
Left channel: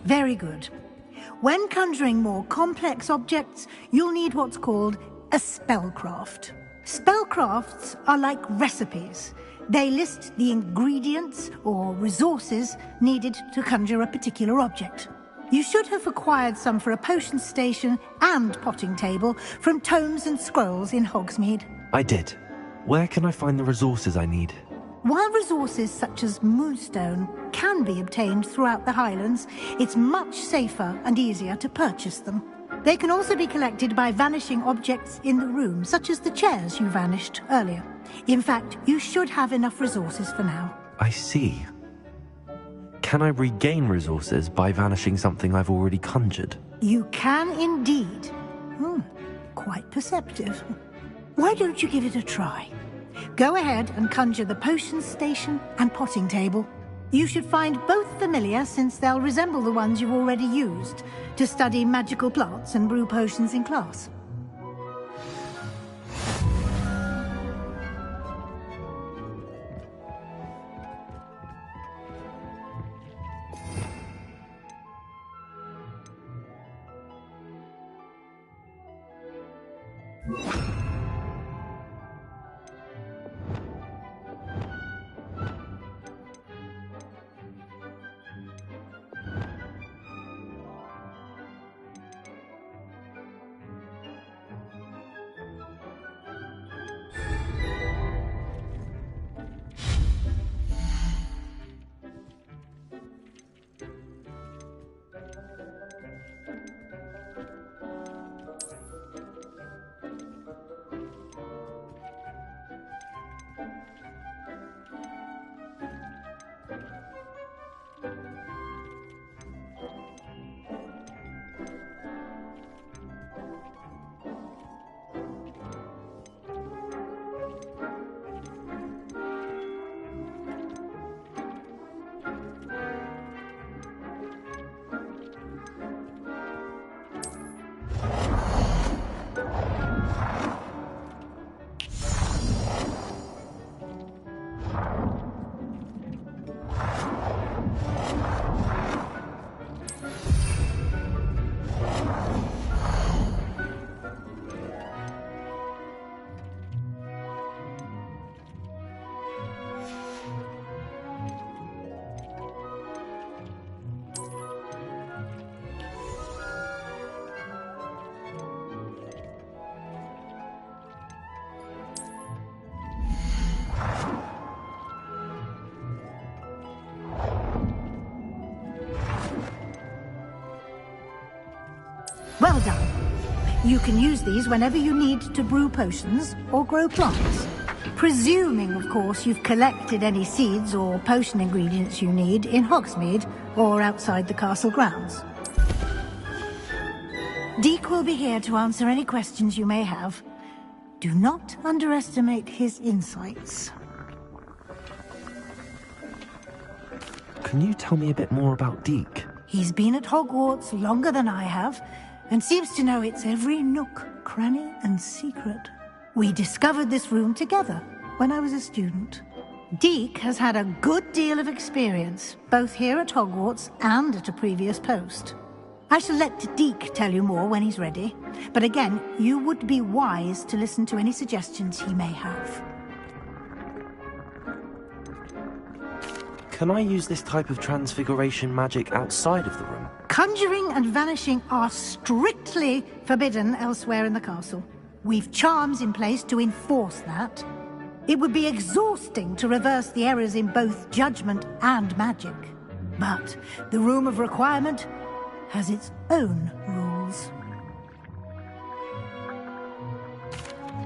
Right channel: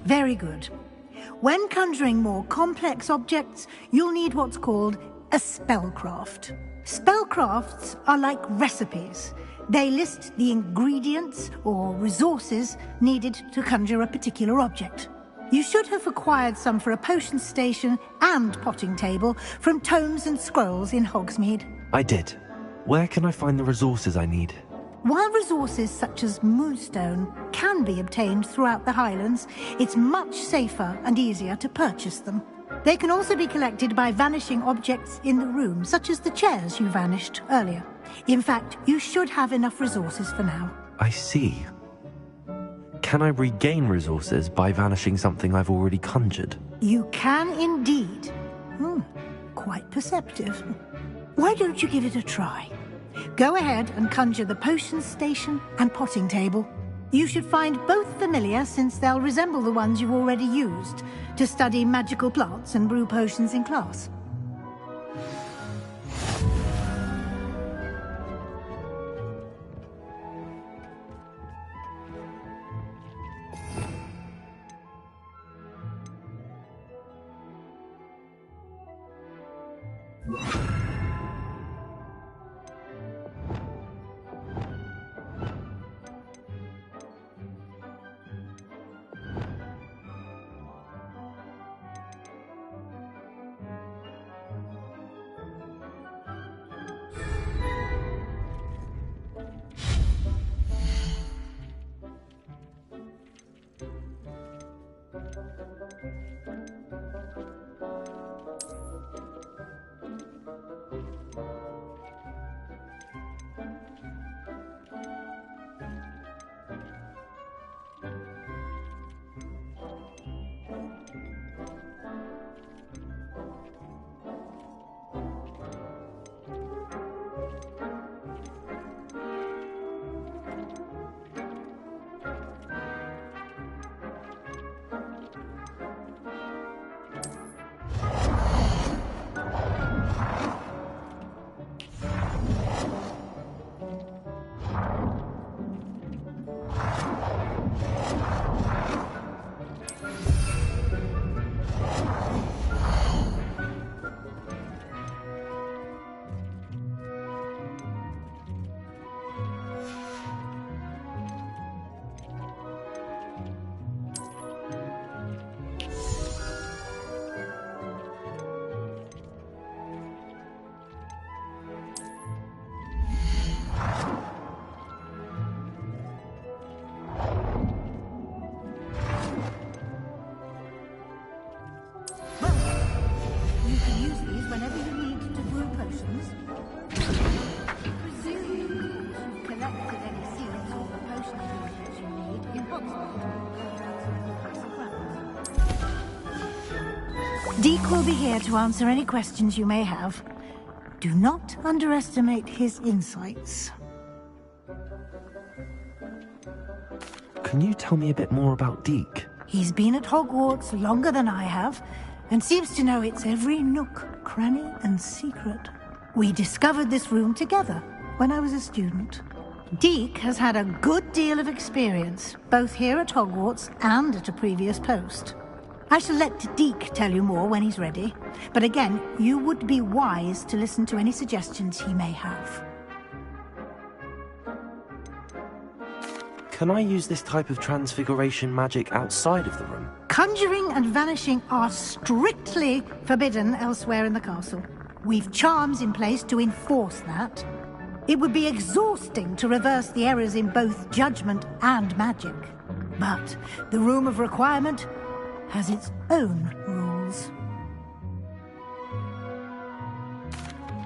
Very good. When conjuring more complex objects, you'll need what's called a spellcraft. Spellcrafts are like recipes. They list the ingredients or resources needed to conjure a particular object. You should have acquired some for a potion station and potting table from tomes and scrolls in Hogsmeade. I did. Where can I find the resources I need? While resources such as moonstone can be obtained throughout the Highlands, it's much safer and easier to purchase them. They can also be collected by vanishing objects in the room, such as the chairs you vanished earlier. In fact, you should have enough resources for now. I see. Can I regain resources by vanishing something I've already conjured? You can indeed. Quite perceptive. Why don't you give it a try? Go ahead and conjure the potion station and potting table. You should find both familiar, since they'll resemble the ones you've already used to study magical plants and brew potions in class. Well done. You can use these whenever you need to brew potions or grow plants. Presuming, of course, you've collected any seeds or potion ingredients you need in Hogsmeade or outside the castle grounds. Deek will be here to answer any questions you may have. Do not underestimate his insights. Can you tell me a bit more about Deek? He's been at Hogwarts longer than I have, and seems to know its every nook, cranny, and secret. We discovered this room together when I was a student. Deek has had a good deal of experience, both here at Hogwarts and at a previous post. I shall let Deek tell you more when he's ready, but again, you would be wise to listen to any suggestions he may have. Can I use this type of transfiguration magic outside of the room? Conjuring and vanishing are strictly forbidden elsewhere in the castle. We've charms in place to enforce that. It would be exhausting to reverse the errors in both judgment and magic. But the Room of Requirement has its own rules.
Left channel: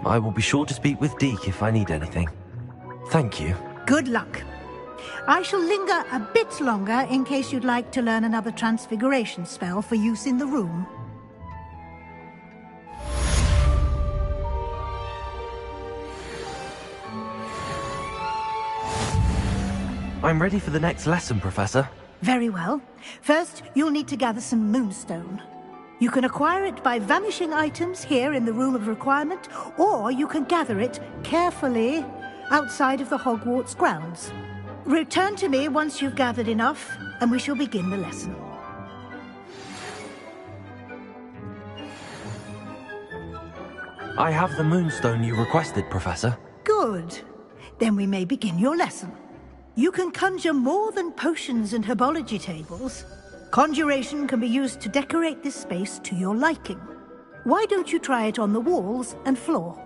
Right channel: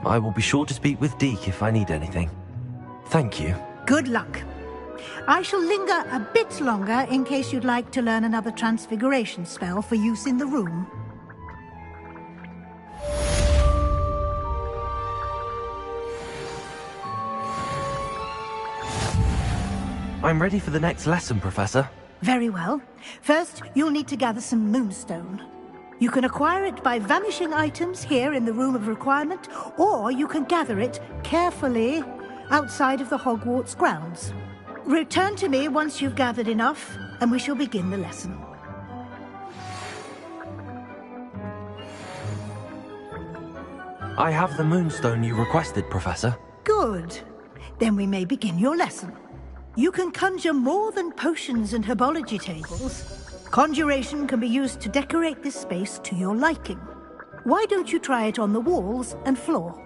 I will be sure to speak with Deke if I need anything. Thank you. Good luck. I shall linger a bit longer in case you'd like to learn another transfiguration spell for use in the room. I'm ready for the next lesson, Professor. Very well. First, you'll need to gather some moonstone. You can acquire it by vanishing items here in the Room of Requirement, or you can gather it carefully outside of the Hogwarts grounds. Return to me once you've gathered enough, and we shall begin the lesson. I have the moonstone you requested, Professor. Good. Then we may begin your lesson. You can conjure more than potions and herbology tables. Conjuration can be used to decorate this space to your liking. Why don't you try it on the walls and floor?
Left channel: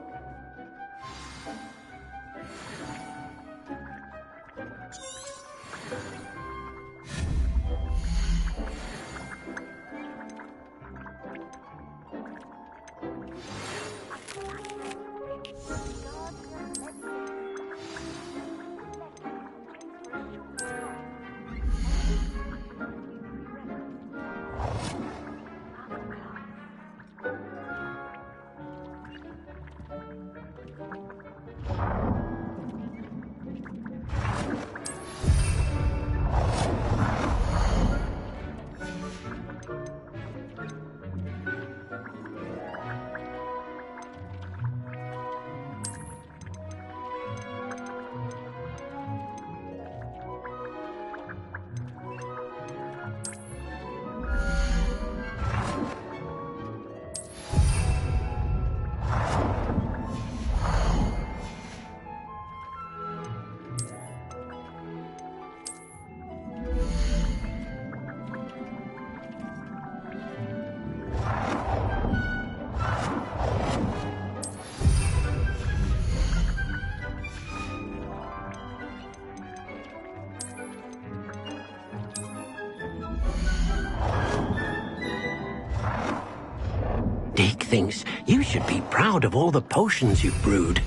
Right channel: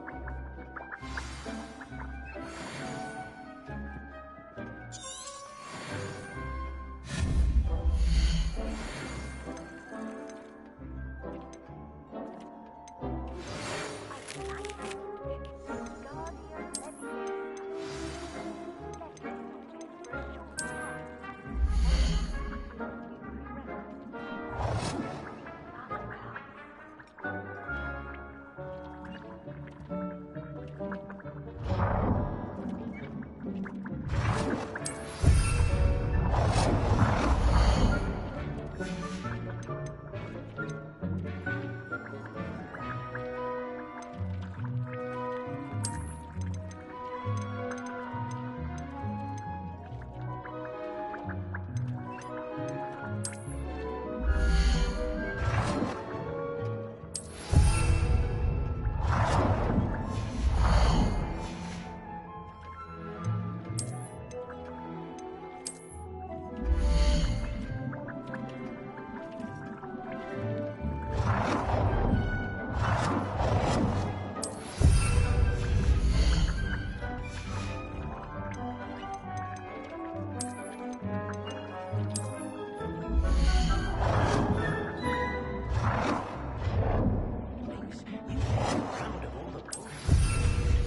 Deke thinks you should be proud of all the potions you've brewed.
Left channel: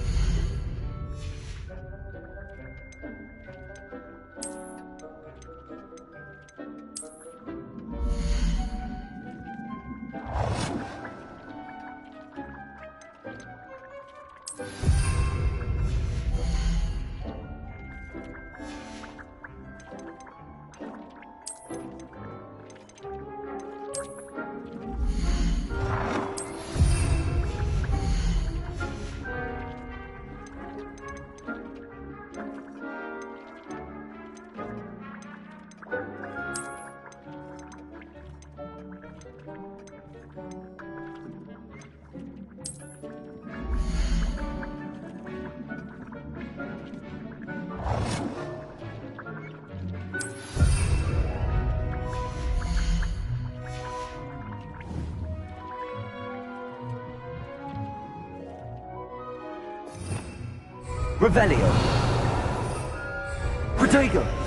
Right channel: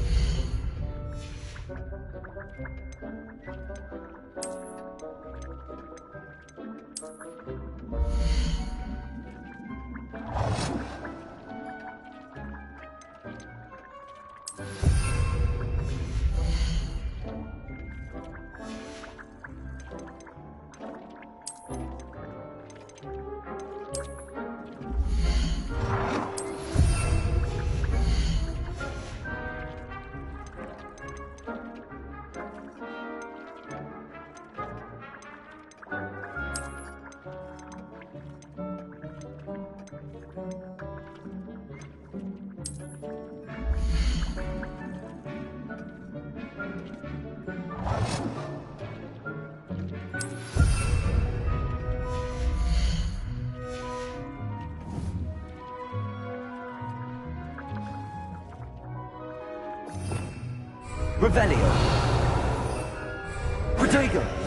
Revelio. Protego.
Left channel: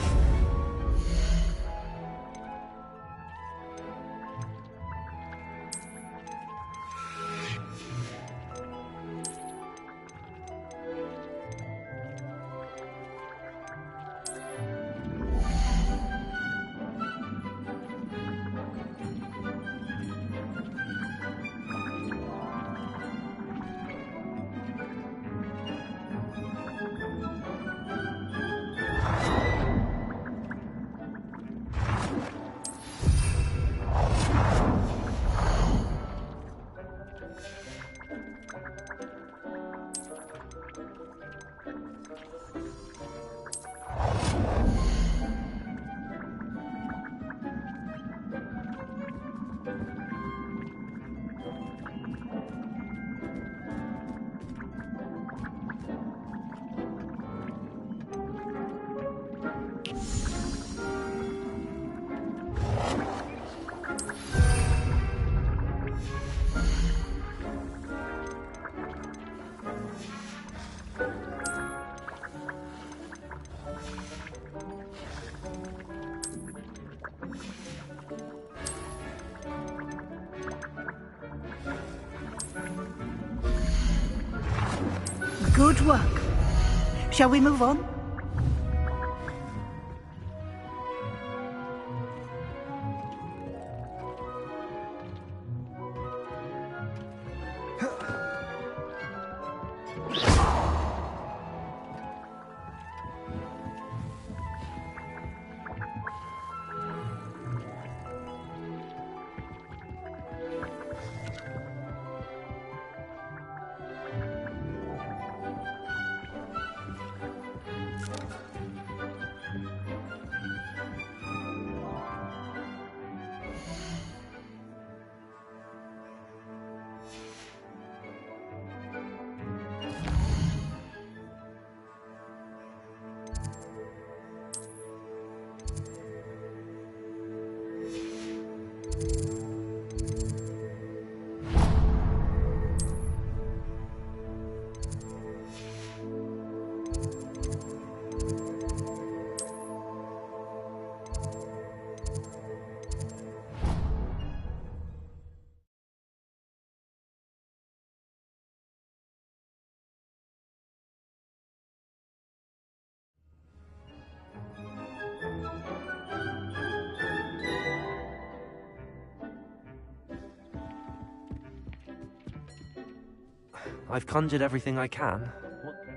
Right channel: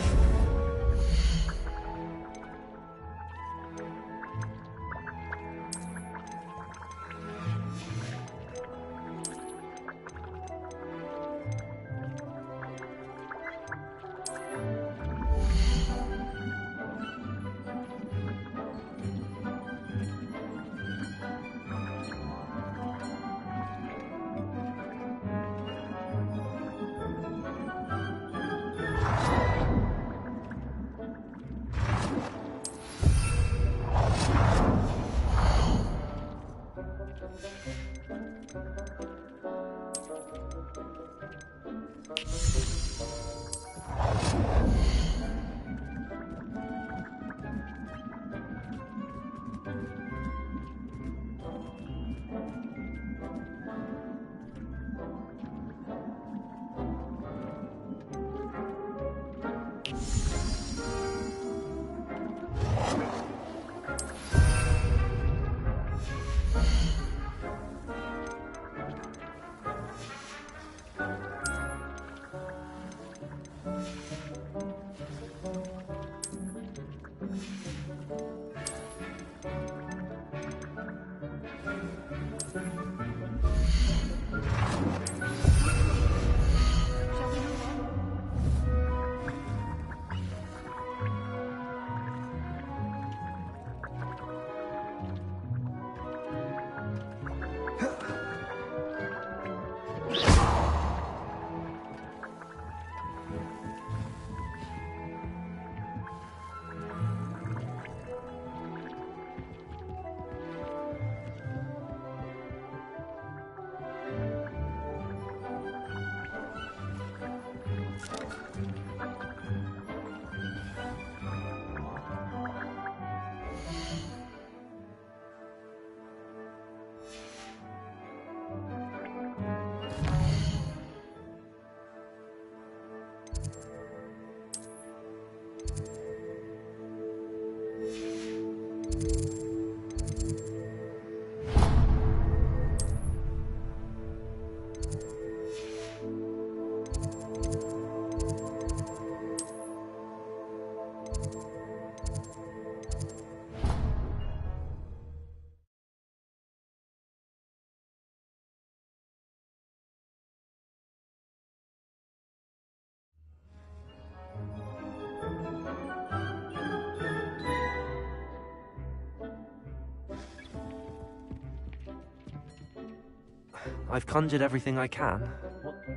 Good work. Shall we move on? I've conjured everything I can.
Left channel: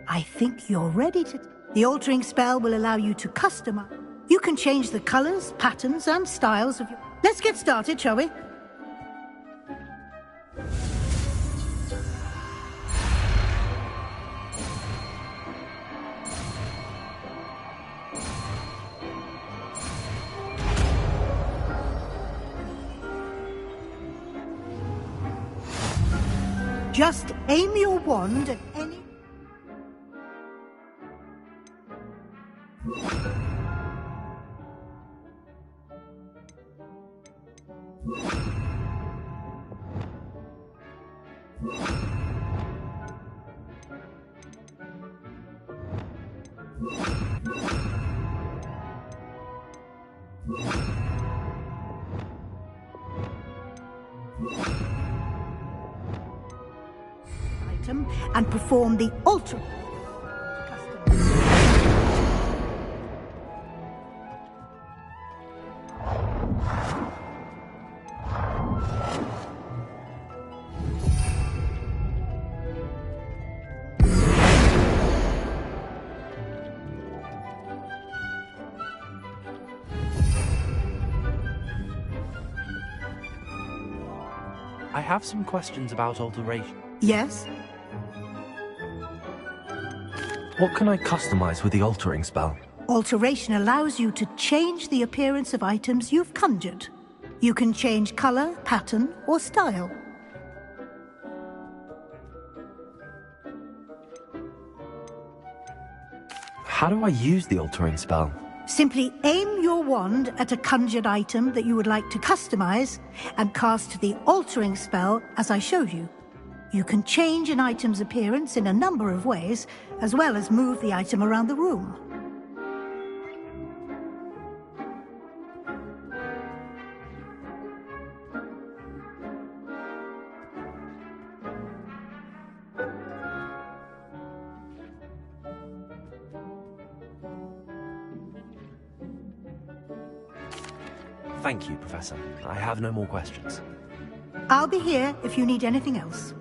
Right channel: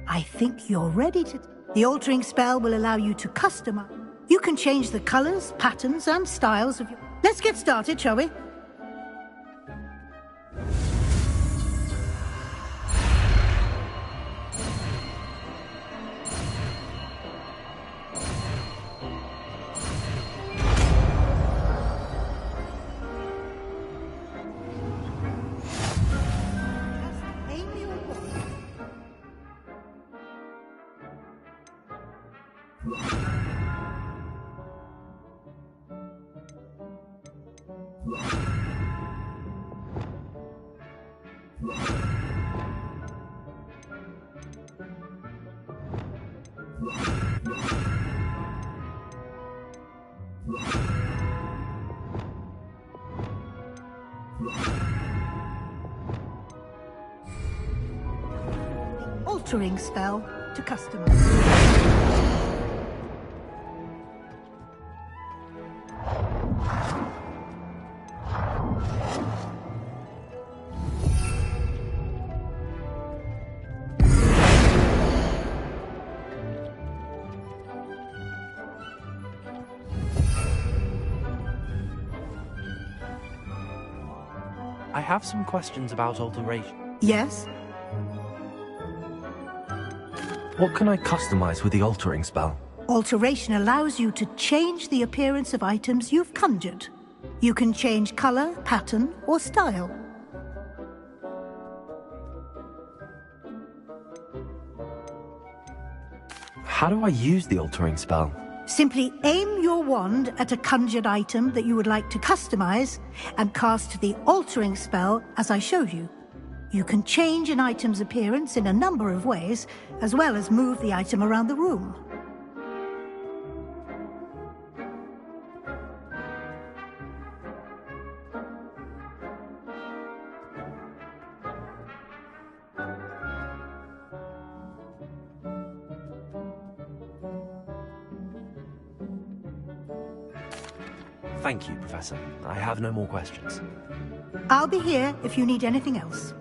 I think you're ready to... The altering spell will allow you to customize. You can change the colors, patterns, and styles of your... Let's get started, shall we? Just aim your wand at any... item and perform the altering spell to customize. I have some questions about alteration. Yes? What can I customize with the altering spell? Alteration allows you to change the appearance of items you've conjured. You can change color, pattern, or style. How do I use the altering spell? Simply aim your wand at a conjured item that you would like to customize and cast the altering spell as I showed you. You can change an item's appearance in a number of ways, as well as move the item around the room. Thank you, Professor. I have no more questions. I'll be here if you need anything else.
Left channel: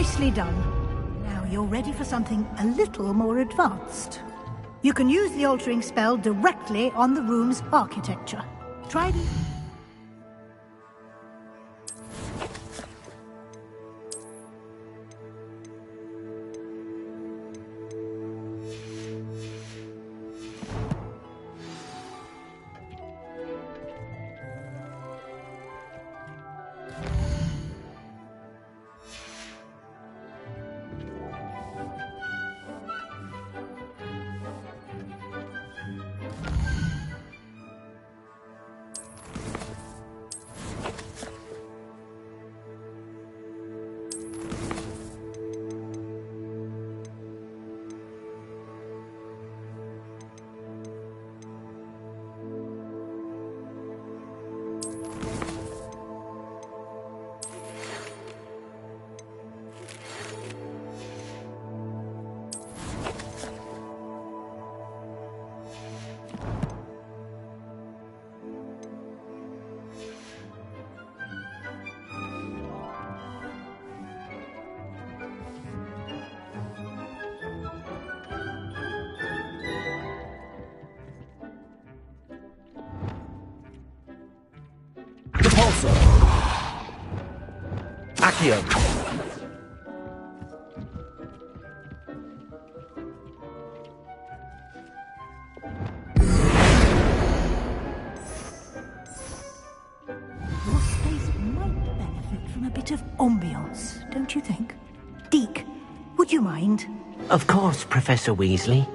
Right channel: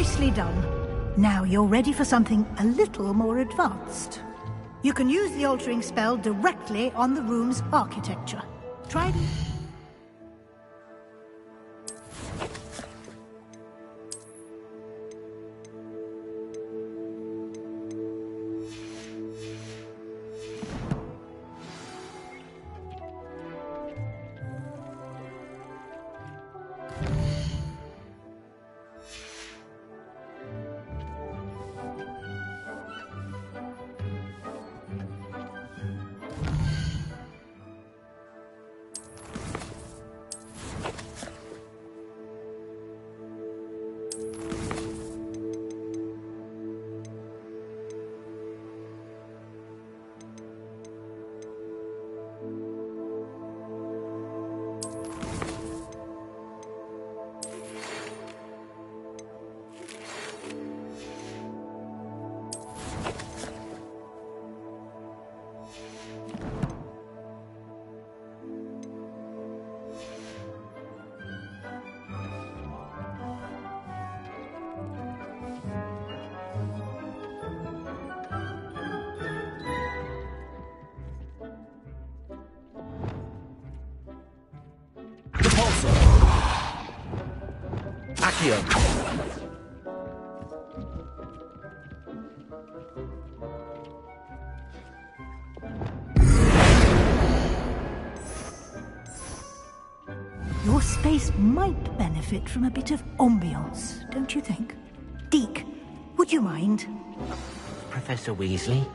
Nicely done. Now you're ready for something a little more advanced. You can use the altering spell directly on the room's architecture. Try it. Accio. Your space might benefit from a bit of ambiance, don't you think? Deke, would you mind? Of course, Professor Weasley.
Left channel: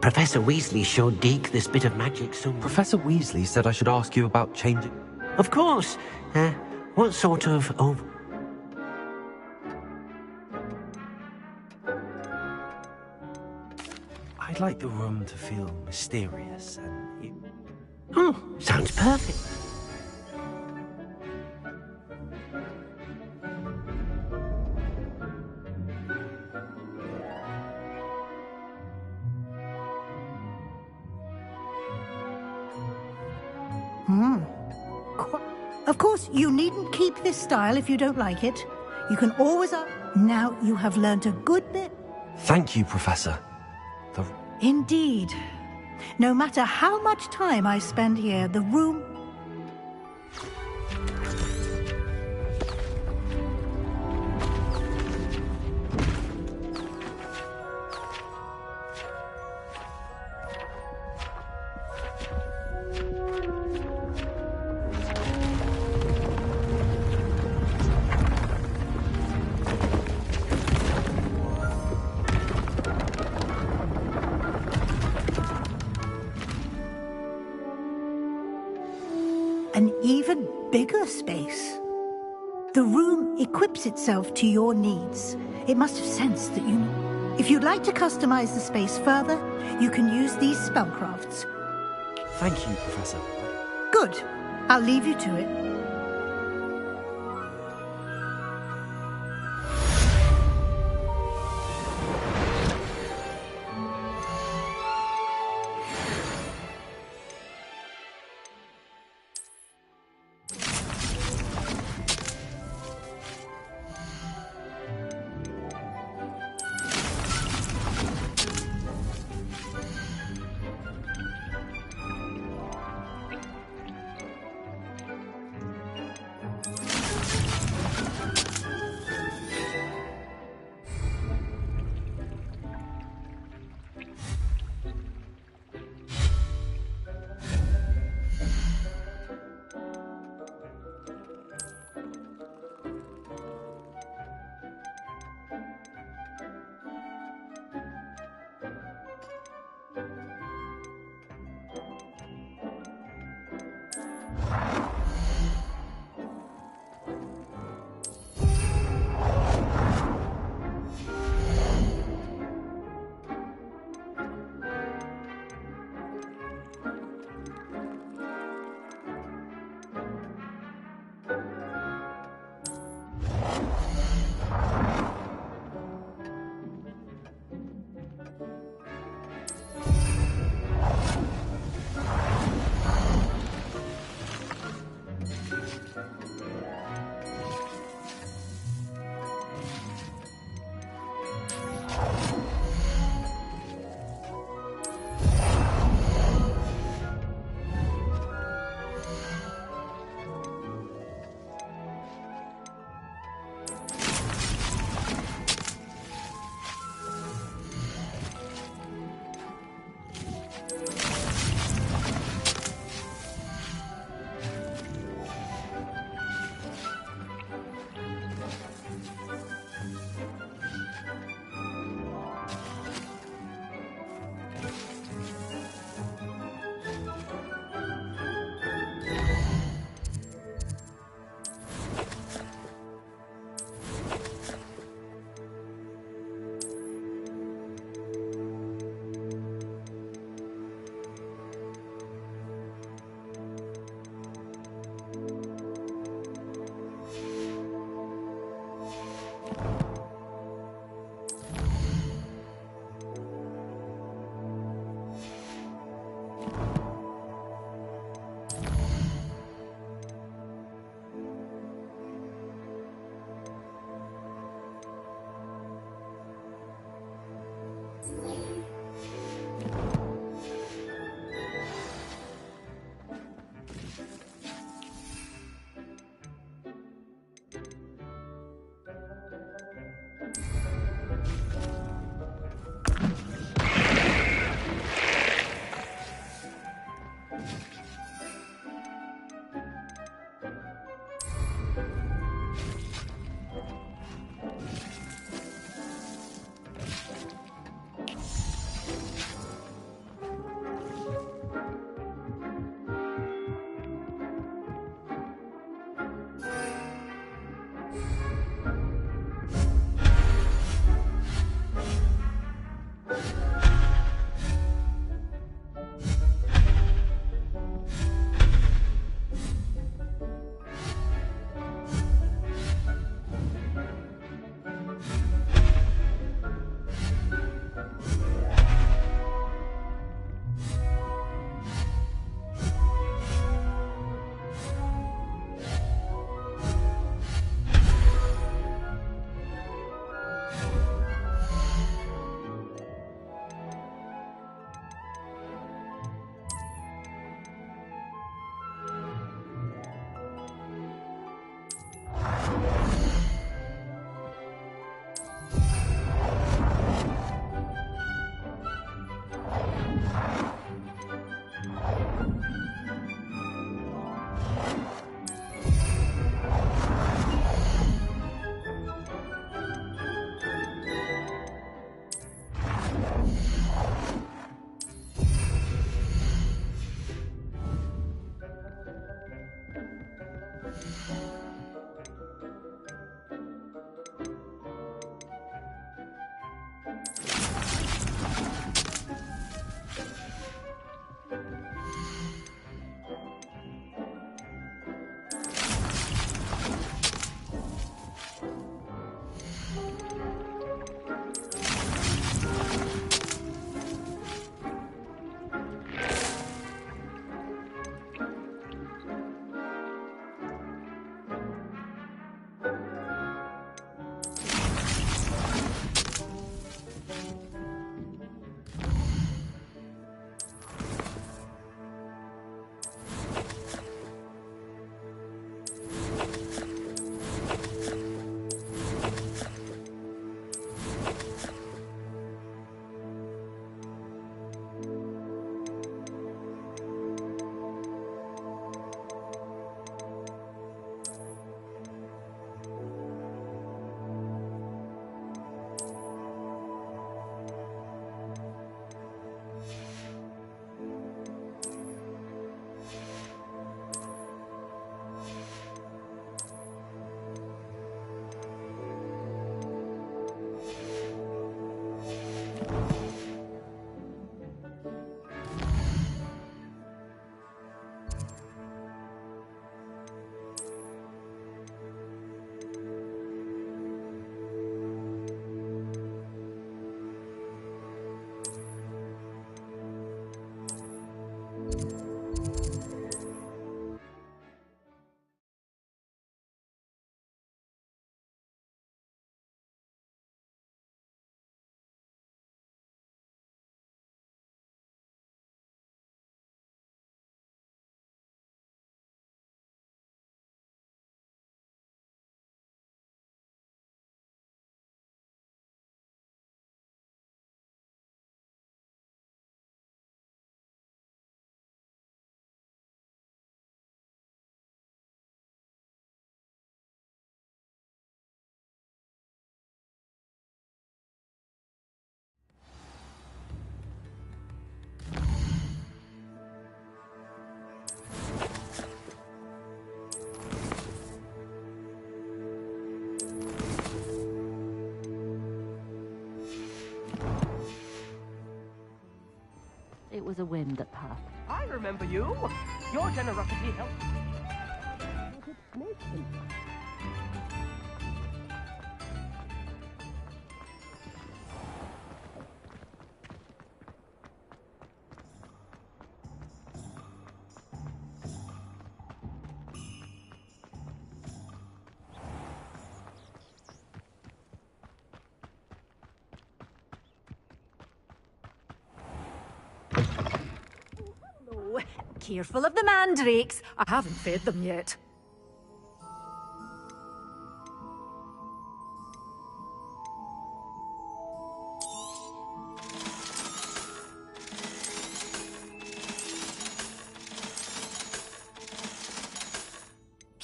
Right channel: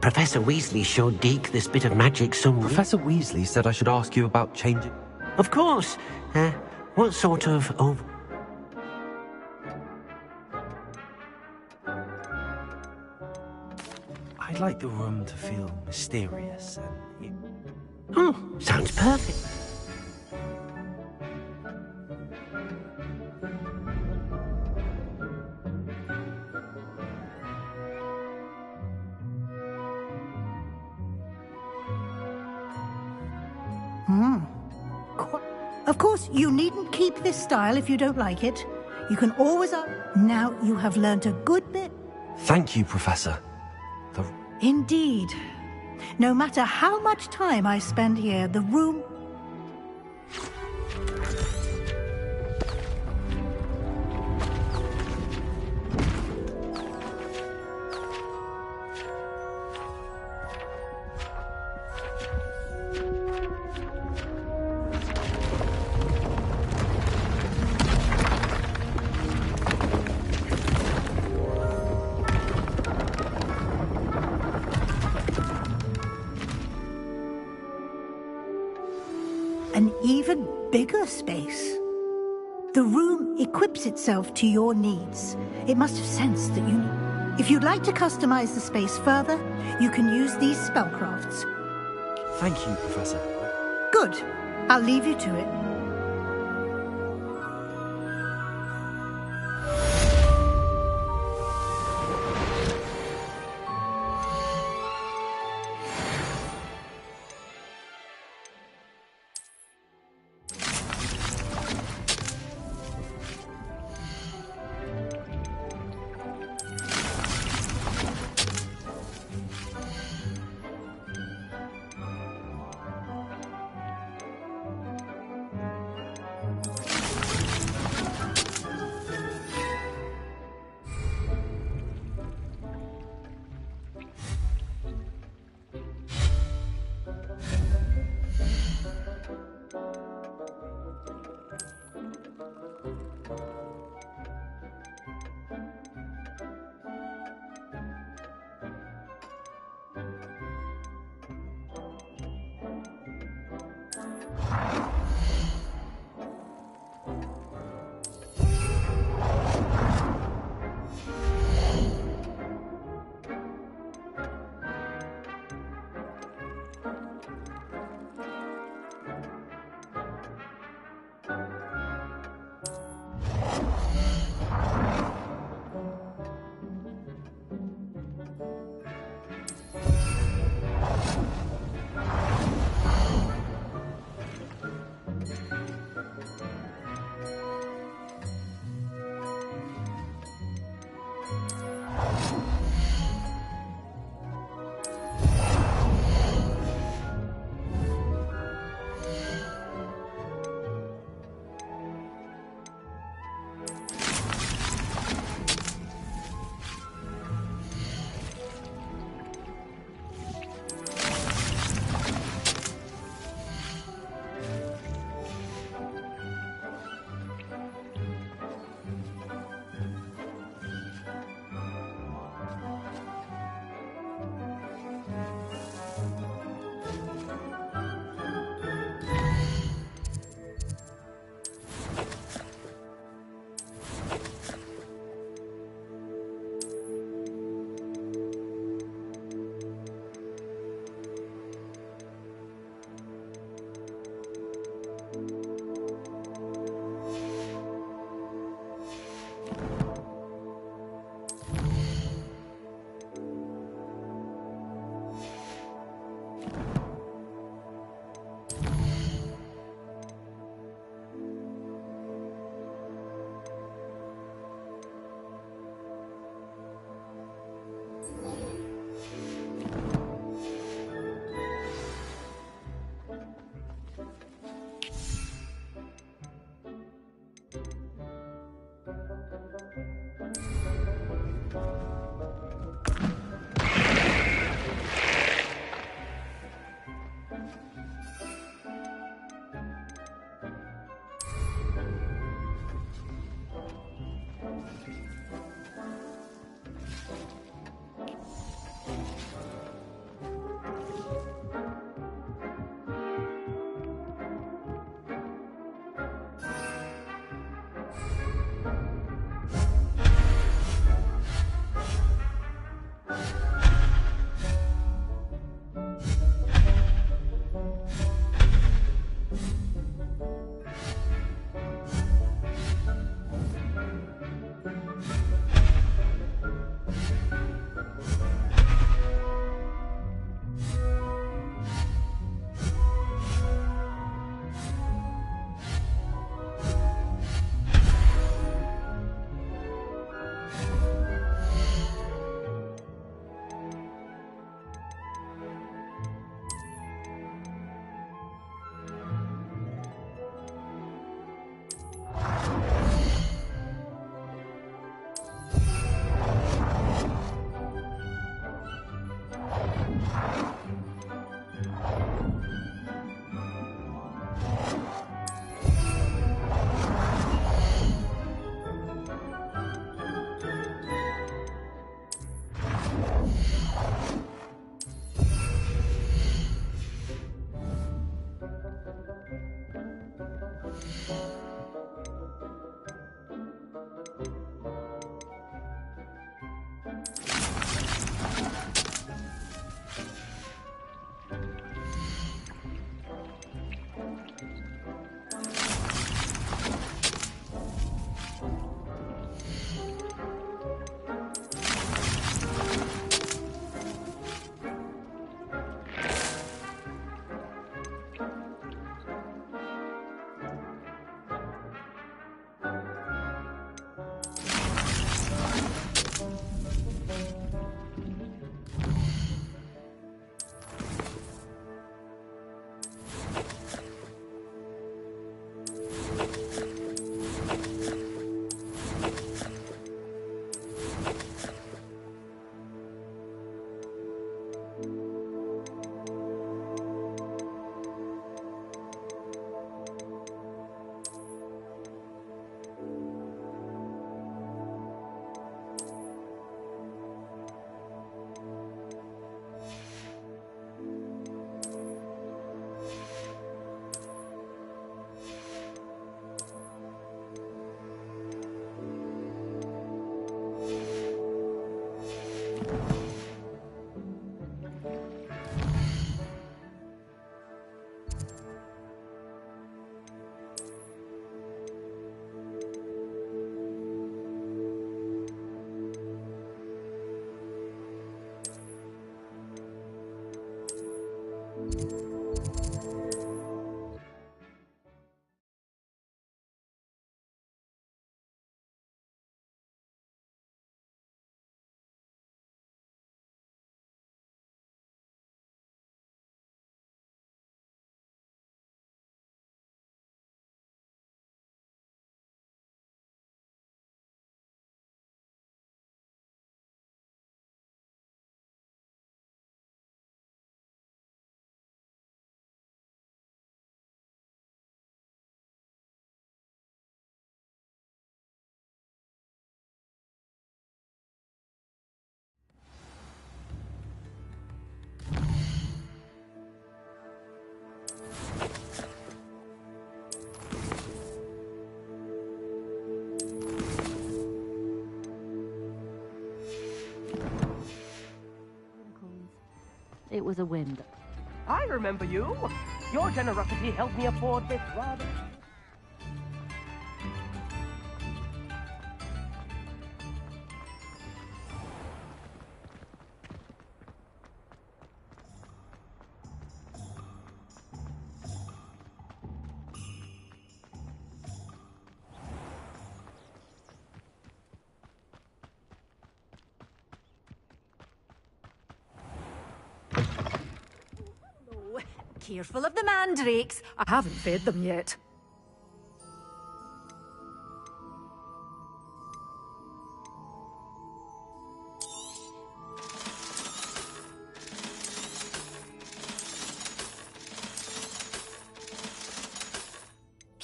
Professor Weasley showed Deke this bit of magic some... Professor Weasley said I should ask you about changing... Of course. What sort of... I'd like the room to feel mysterious and... Oh, sounds perfect. Of course, you needn't keep this style if you don't like it. You can always... Now you have learnt a good bit. Thank you, Professor. Indeed. No matter how much time I spend here, the room... an even bigger space. The room equips itself to your needs. It must have sensed that you need... If you'd like to customize the space further, you can use these spellcrafts. Thank you, Professor. Good. I'll leave you to it. It was a whim that passed. I remember you. Your generosity helped me afford this rather expensive snake. Oh, careful of the mandrakes. I haven't fed them yet.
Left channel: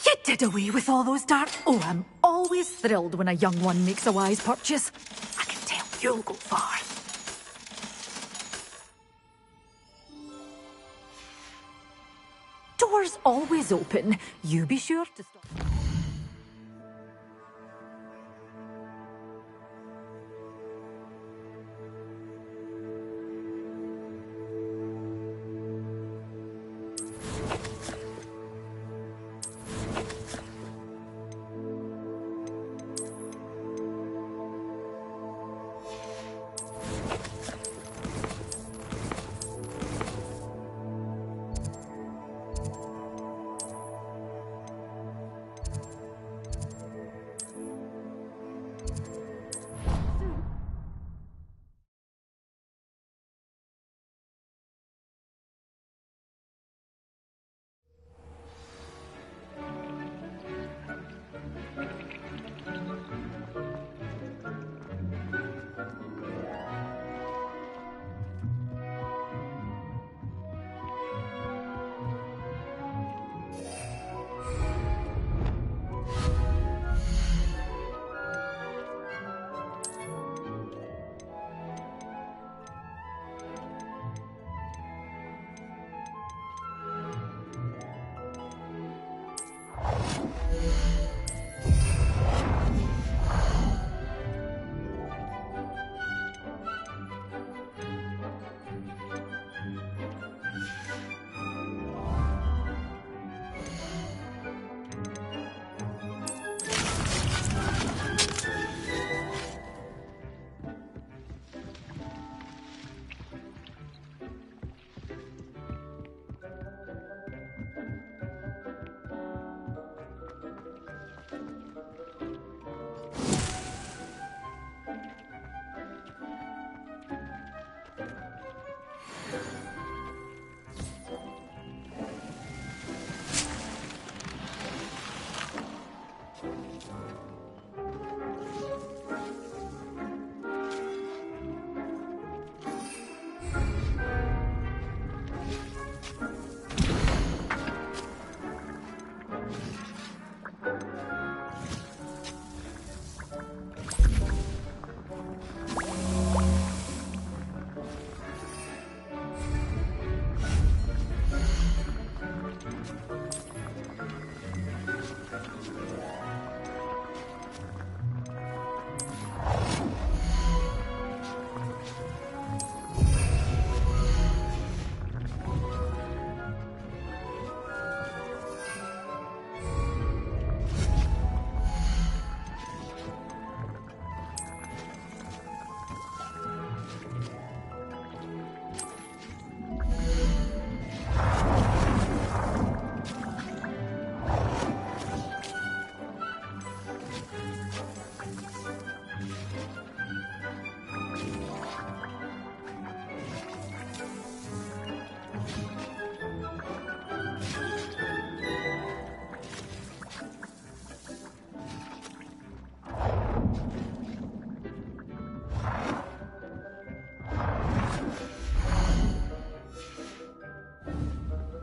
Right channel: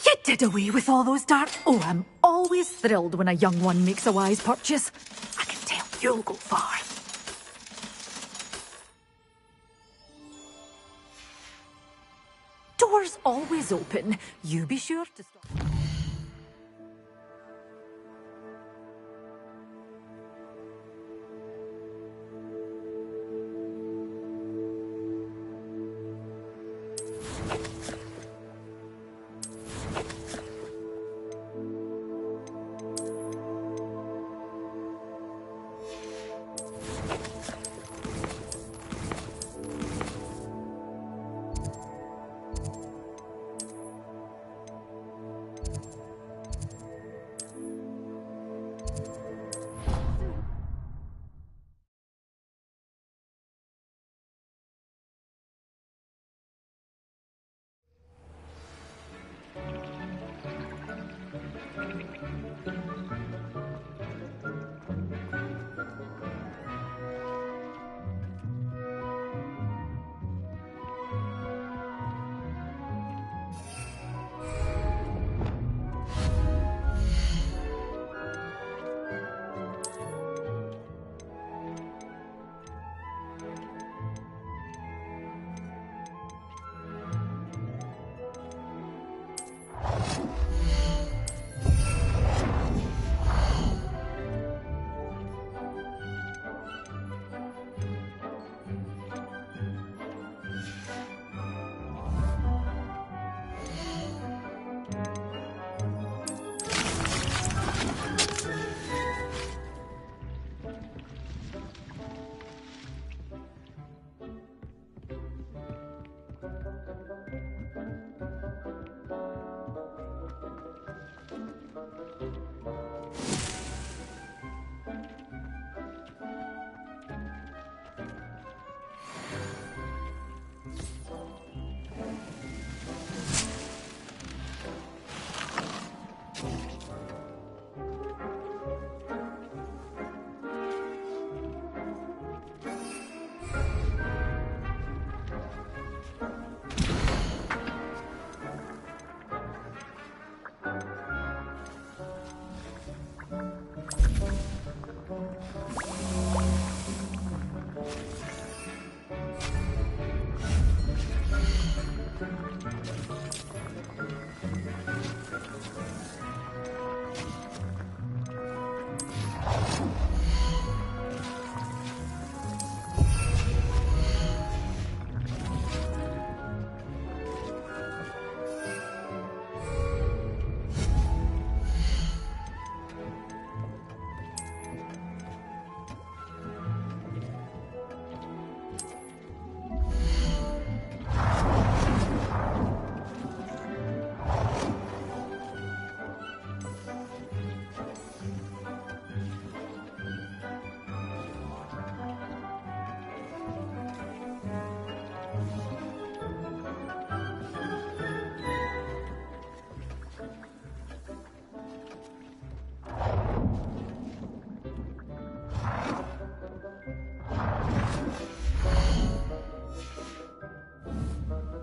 You did away with all those dark... Oh, I'm always thrilled when a young one makes a wise purchase. I can tell you'll go far. Doors always open. You be sure to stop.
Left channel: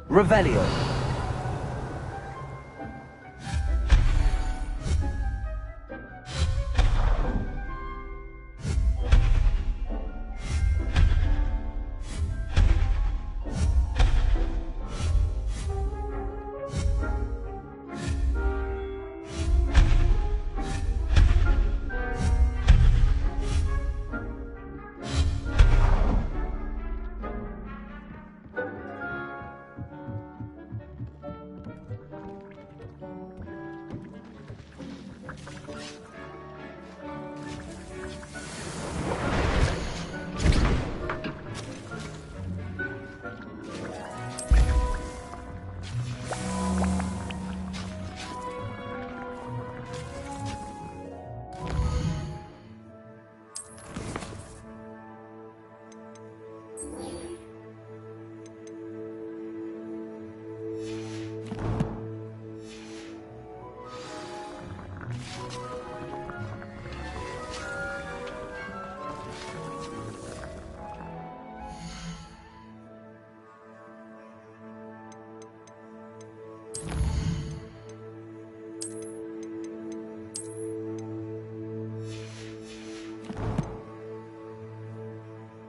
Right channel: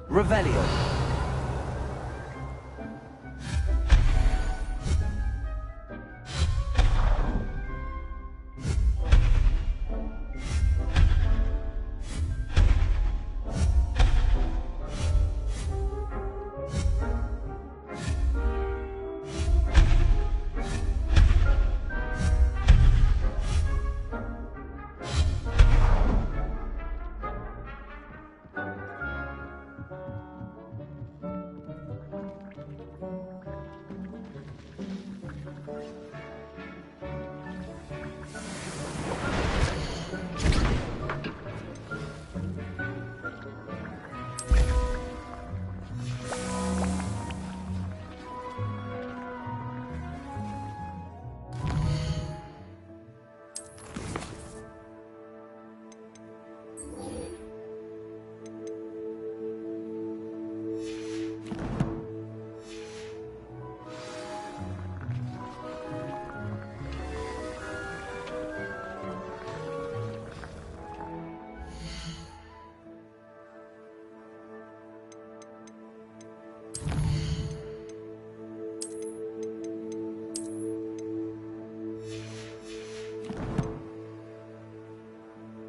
Revelio.